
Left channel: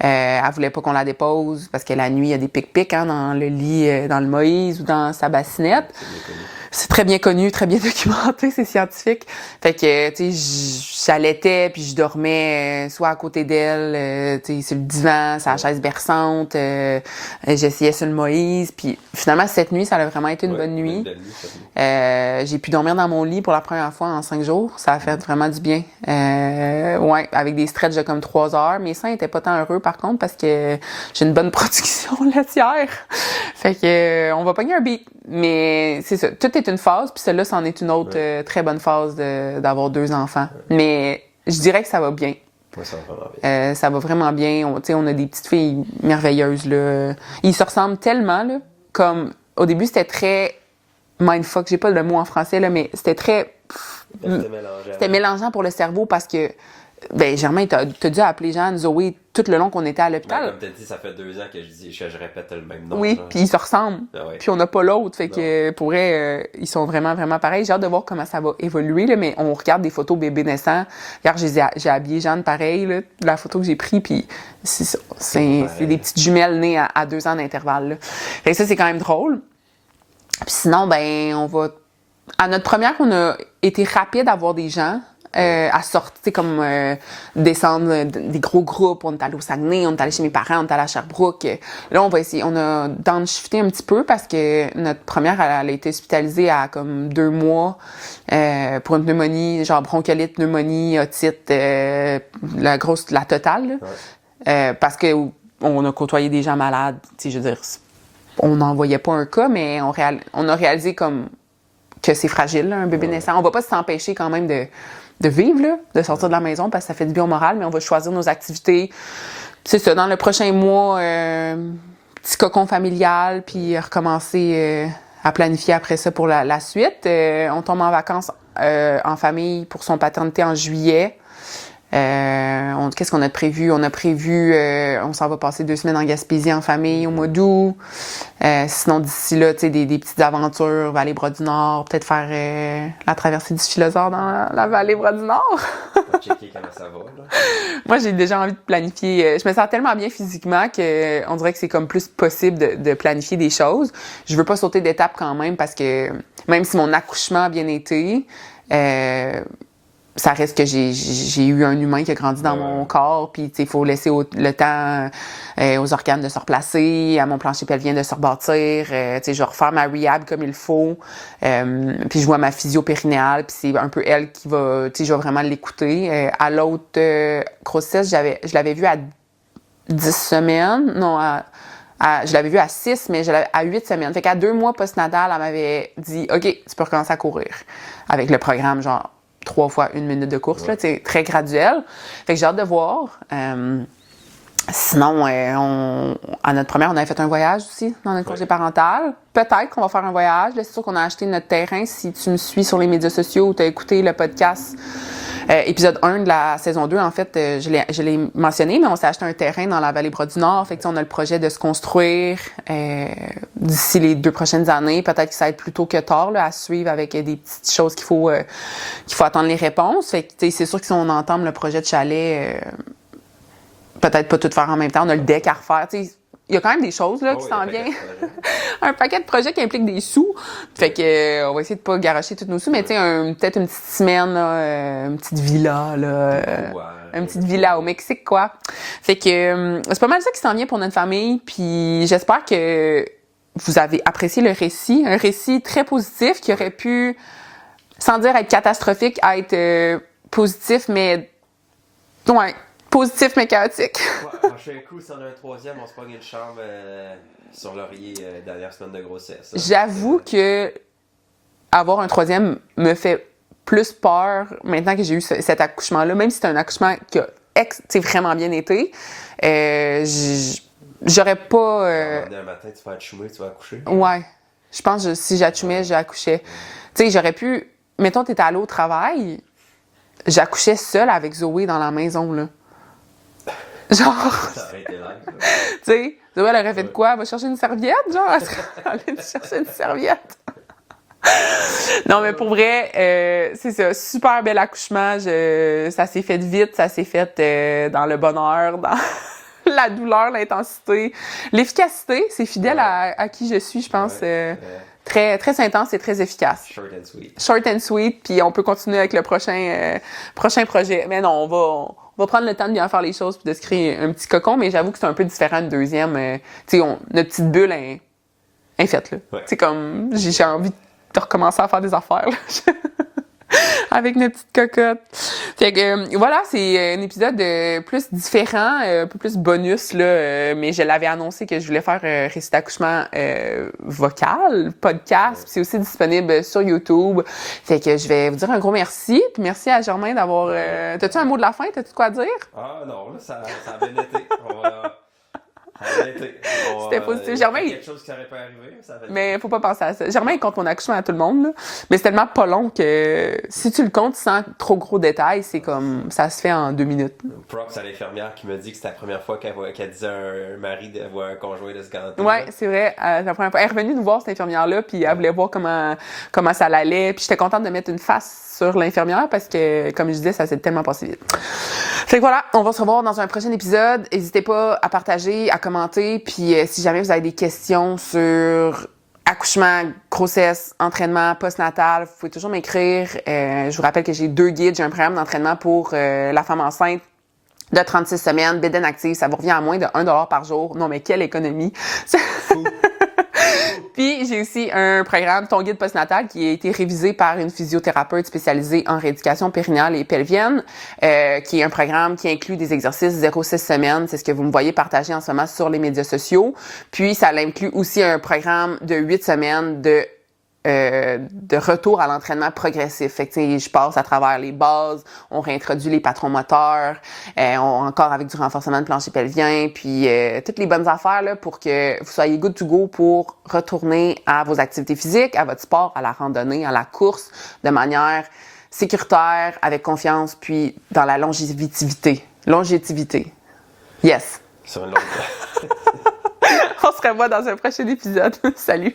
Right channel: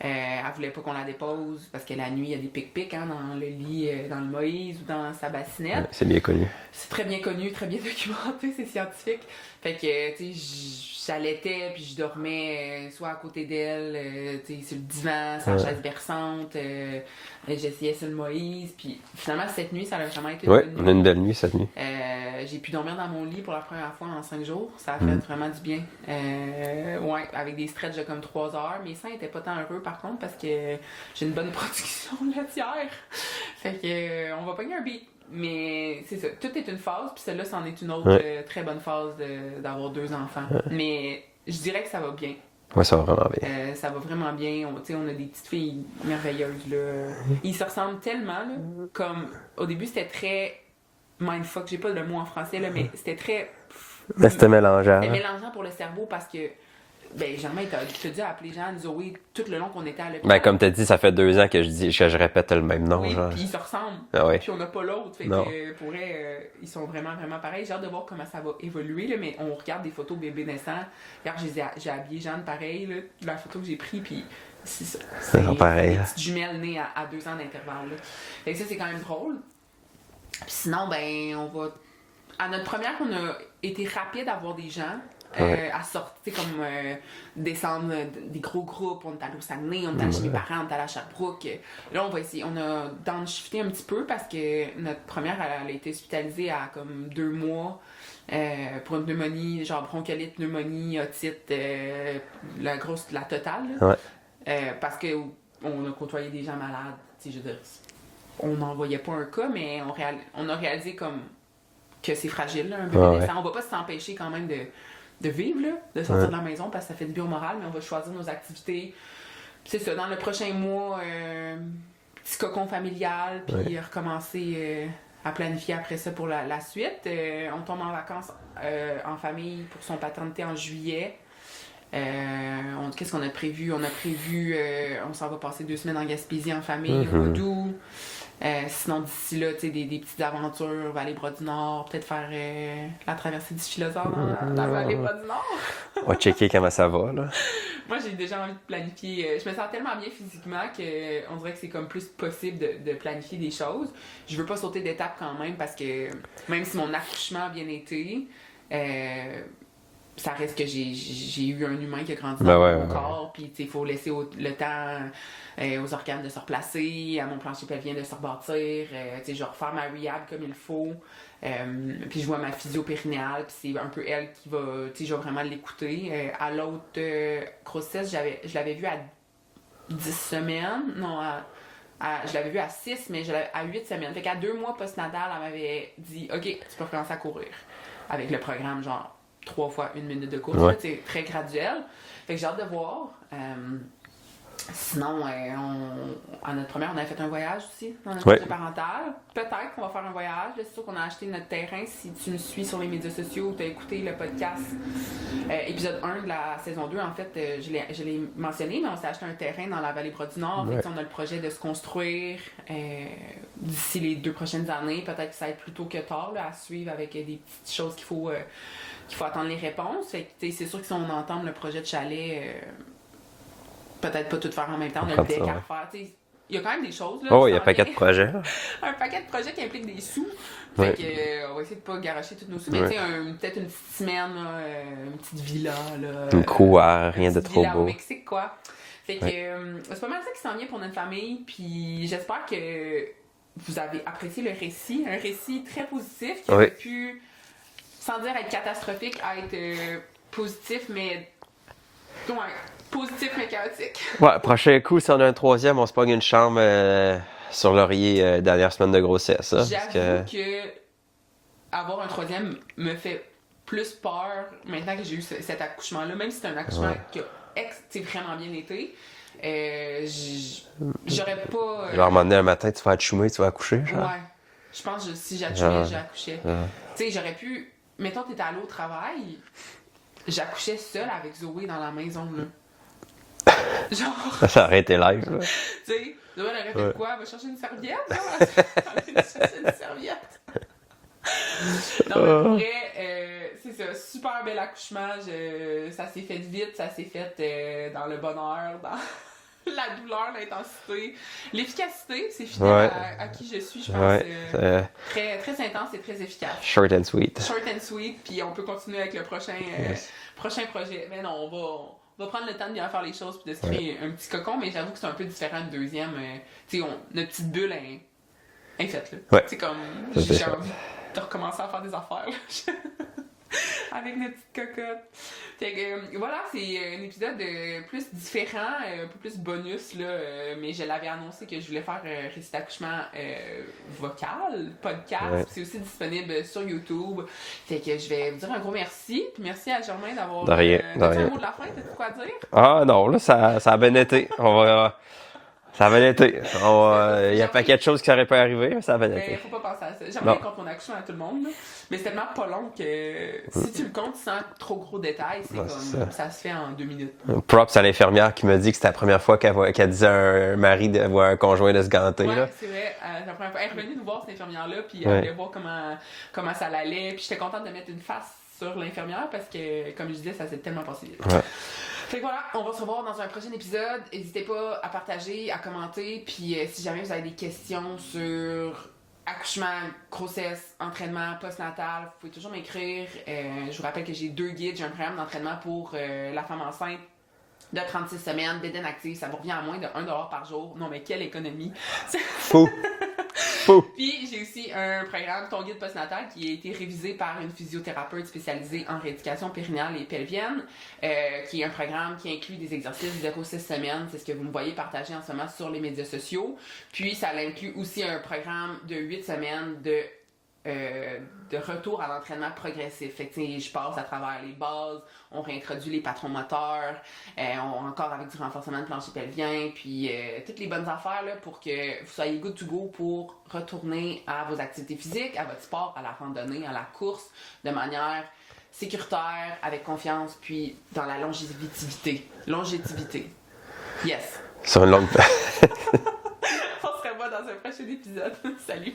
Elle voulait pas qu'on la dépose parce que la nuit, il y a des pic-pics dans le lit, dans le Moïse ou dans sa bassinette. C'est bien connu. C'est très bien connu, très bien documenté, c'est scientifique. Fait que, tu sais, j'allaitais puis je dormais soit à côté d'elle, tu sais, sur le divan, sur la chaise berçante. J'essayais sur le Moïse. Puis finalement, cette nuit, ça a vraiment été une bonne nuit. Une belle nuit, cette nuit. J'ai pu dormir dans mon lit pour la première fois en 5 jours. Ça a fait vraiment du bien. Avec des stretches de comme 3 heures. Mes seins étaient pas tant heureux, par contre, parce que j'ai une bonne production laitière. Fait que on va pogner un beat. Mais c'est ça, tout est une phase, puis celle-là, c'en est une autre très bonne phase d'avoir 2 enfants. Mais je dirais que ça va bien. Oui, ça va vraiment bien. Ça va vraiment bien. On a des petites filles merveilleuses, là. Ils se ressemblent tellement, là. Comme, au début, c'était très mindfuck, j'ai pas le mot en français, là, mais c'était très... C'était mélangeant. C'était mélangeant pour le cerveau parce que Germain, t'as dû appeler Jeanne, Zoé, tout le long qu'on était à l'hôpital. Ben, comme t'as dit, ça fait 2 ans que je répète le même nom. Oui, puis ils se ressemblent. Puis on n'a pas l'autre. Fait que pour vrai, ils sont vraiment, vraiment pareils. J'ai hâte de voir comment ça va évoluer, là, mais on regarde des photos bébés naissants. Hier, j'ai habillé Jeanne pareil, là, la photo que j'ai prise, puis c'est ça. C'est des petites jumelles nées à 2 ans d'intervalle. Là. Fait que ça, c'est quand même drôle. Puis sinon, on va... À notre première, on a été rapide à voir des gens. À sortir, comme descendre des gros groupes. On est allé au Saguenay, on est allé chez mes parents, on est allé à Sherbrooke. Là, on va essayer. On a downshifté un petit peu parce que notre première, elle a été hospitalisée à comme 2 mois pour une pneumonie, genre bronchiolite, pneumonie, otite, la totale. Parce que on a côtoyé des gens malades. Je veux dire, on n'en voyait pas un cas, mais on a réalisé comme que c'est fragile, là, un bébé naissant. On va pas s'empêcher quand même de vivre, là, de sortir de la maison parce que ça fait du bien au moral, mais on va choisir nos activités. C'est ça, dans le prochain mois, petit cocon familial, puis recommencer à planifier après ça pour la suite. On tombe en vacances en famille pour son paternité en juillet. Qu'est-ce qu'on a prévu? On a prévu, on s'en va passer 2 semaines en Gaspésie en famille au mois d'août. Sinon, d'ici là, tu sais, des petites aventures, Vallée-Bras-du-Nord, peut-être faire la traversée du Philosophe dans la Vallée-Bras-du-Nord. On va checker comment ça va, là. Moi, j'ai déjà envie de planifier. Je me sens tellement bien physiquement qu'on dirait que c'est comme plus possible de planifier des choses. Je veux pas sauter d'étape quand même parce que même si mon accouchement a bien été, ça reste que j'ai eu un humain qui a grandi dans mon corps, puis il faut laisser le temps aux organes de se replacer, à mon plancher pelvien de se rebâtir. Je vais refaire ma rehab comme il faut. Puis je vois ma physio périnéale, puis c'est un peu elle qui va, je vais vraiment l'écouter. À l'autre grossesse, je l'avais vue à 10 semaines, non, je l'avais vue à 6, mais à 8 semaines. Fait qu'à 2 mois post-natal, elle m'avait dit « OK, tu peux recommencer à courir » avec le programme, genre 3 fois 1 minute de course, là, très graduel. Fait que j'ai hâte de voir. Sinon, à notre première, on avait fait un voyage aussi dans notre projet parental. Peut-être qu'on va faire un voyage. Là, c'est sûr qu'on a acheté notre terrain. Si tu me suis sur les médias sociaux ou tu as écouté le podcast épisode 1 de la saison 2, en fait, je l'ai mentionné, mais on s'est acheté un terrain dans la Vallée-Bras-du-Nord. Fait que, on a le projet de se construire d'ici les 2 prochaines années. Peut-être que ça va être plus tôt que tard là, à suivre avec des petites choses qu'il faut attendre les réponses. Fait que, c'est sûr que si on entame le projet de chalet, peut-être pas tout faire en même temps. On a le deck à refaire. Il y a quand même des choses là, qui il y a s'en un paquet viennent. de projets. Un paquet de projets qui impliquent des sous. Fait que on va essayer de pas garocher tous nos sous, mais peut-être une petite semaine, là, une petite villa. Là, une couloir, rien de trop petite villa beau. au Mexique, quoi. Fait que c'est pas mal ça qui s'en vient pour notre famille. Puis j'espère que vous avez apprécié le récit. Un récit très positif qui aurait pu, sans dire être catastrophique, être positif, mais... Ouais. Positif mais chaotique. Prochain coup, si on a un 3e, on se pogne une chambre sur l'oreiller dernière semaine de grossesse. Hein, j'avoue que avoir un 3e me fait plus peur maintenant que j'ai eu cet accouchement-là, même si c'est un accouchement qui a vraiment bien été. J'aurais pas... Genre, à un moment donné, un matin, tu vas achoumer, tu vas accoucher. Genre. Ouais. Je pense que si j'accouchais, j'accouchais. Tu sais, j'aurais pu... Mettons, t'étais allé au travail, j'accouchais seule avec Zoé dans la maison, là. Genre... Ça aurait été live, là. Tu sais, Zoé, elle aurait fait de quoi? Elle va chercher une serviette, genre? Elle allait chercher une serviette. Non, mais pour vrai, c'est ça. Super bel accouchement. Ça s'est fait vite, ça s'est fait dans le bonheur, dans la douleur, l'intensité. L'efficacité, c'est fidèle à qui je suis, je pense. Très, très intense et très efficace. Short and sweet. Short and sweet, puis on peut continuer avec le prochain projet. Mais non, on va prendre le temps de bien faire les choses puis de se créer un petit cocon, mais j'avoue que c'est un peu différent d'une deuxième. Tu sais, notre petite bulle est faite, là. Ouais. C'est comme, j'ai envie de recommencer à faire des affaires, là. Avec notre petite cocotte. Fait que, voilà, c'est un épisode plus différent, un peu plus bonus, là, mais je l'avais annoncé que je voulais faire récit d'accouchement vocal, podcast. Ouais. C'est aussi disponible sur YouTube. Fait que je vais vous dire un gros merci. Puis merci à Germain d'avoir... T'as-tu un mot de la fin? T'as-tu quoi à dire? Ah non, là, ça a bien été. Ça a bien été. Il y a pas quelque chose qui aurait pu arriver, mais ça a bien été. Mais faut pas penser à ça. Germain, il compte mon accouchement à tout le monde, là. Mais c'est tellement pas long que si tu le comptes sans trop gros détails, c'est comme ça se fait en 2 minutes. Props à l'infirmière qui m'a dit que c'était la première fois qu'elle disait à un mari de voir un conjoint de se ganter. Ouais, c'est vrai. La première fois. Elle est revenue nous voir, cette infirmière-là, puis elle voulait voir comment ça allait. Puis j'étais contente de mettre une face sur l'infirmière parce que, comme je disais, ça s'est tellement passé vite. Ouais. Fait que voilà, on va se revoir dans un prochain épisode. N'hésitez pas à partager, à commenter. Puis si jamais vous avez des questions sur accouchement, grossesse, entraînement, postnatal, vous pouvez toujours m'écrire. Je vous rappelle que j'ai 2 guides. J'ai un programme d'entraînement pour la femme enceinte de 36 semaines, Bédaine active. Ça vous revient à moins de 1$ par jour. Non, mais quelle économie! Fou! Puis, j'ai aussi un programme, Ton guide postnatal, qui a été révisé par une physiothérapeute spécialisée en rééducation périnéale et pelvienne, qui est un programme qui inclut des exercices 0-6 semaines. C'est ce que vous me voyez partager en ce moment sur les médias sociaux. Puis, ça inclut aussi un programme de 8 semaines de retour à l'entraînement progressif. Fait que, je passe à travers les bases, on réintroduit les patrons moteurs, encore avec du renforcement de plancher pelvien, puis toutes les bonnes affaires là, pour que vous soyez good to go pour retourner à vos activités physiques, à votre sport, à la randonnée, à la course, de manière sécuritaire, avec confiance, puis dans la longévité. Longévité. Yes. Sur une longue... On se revoit dans un prochain épisode. Salut!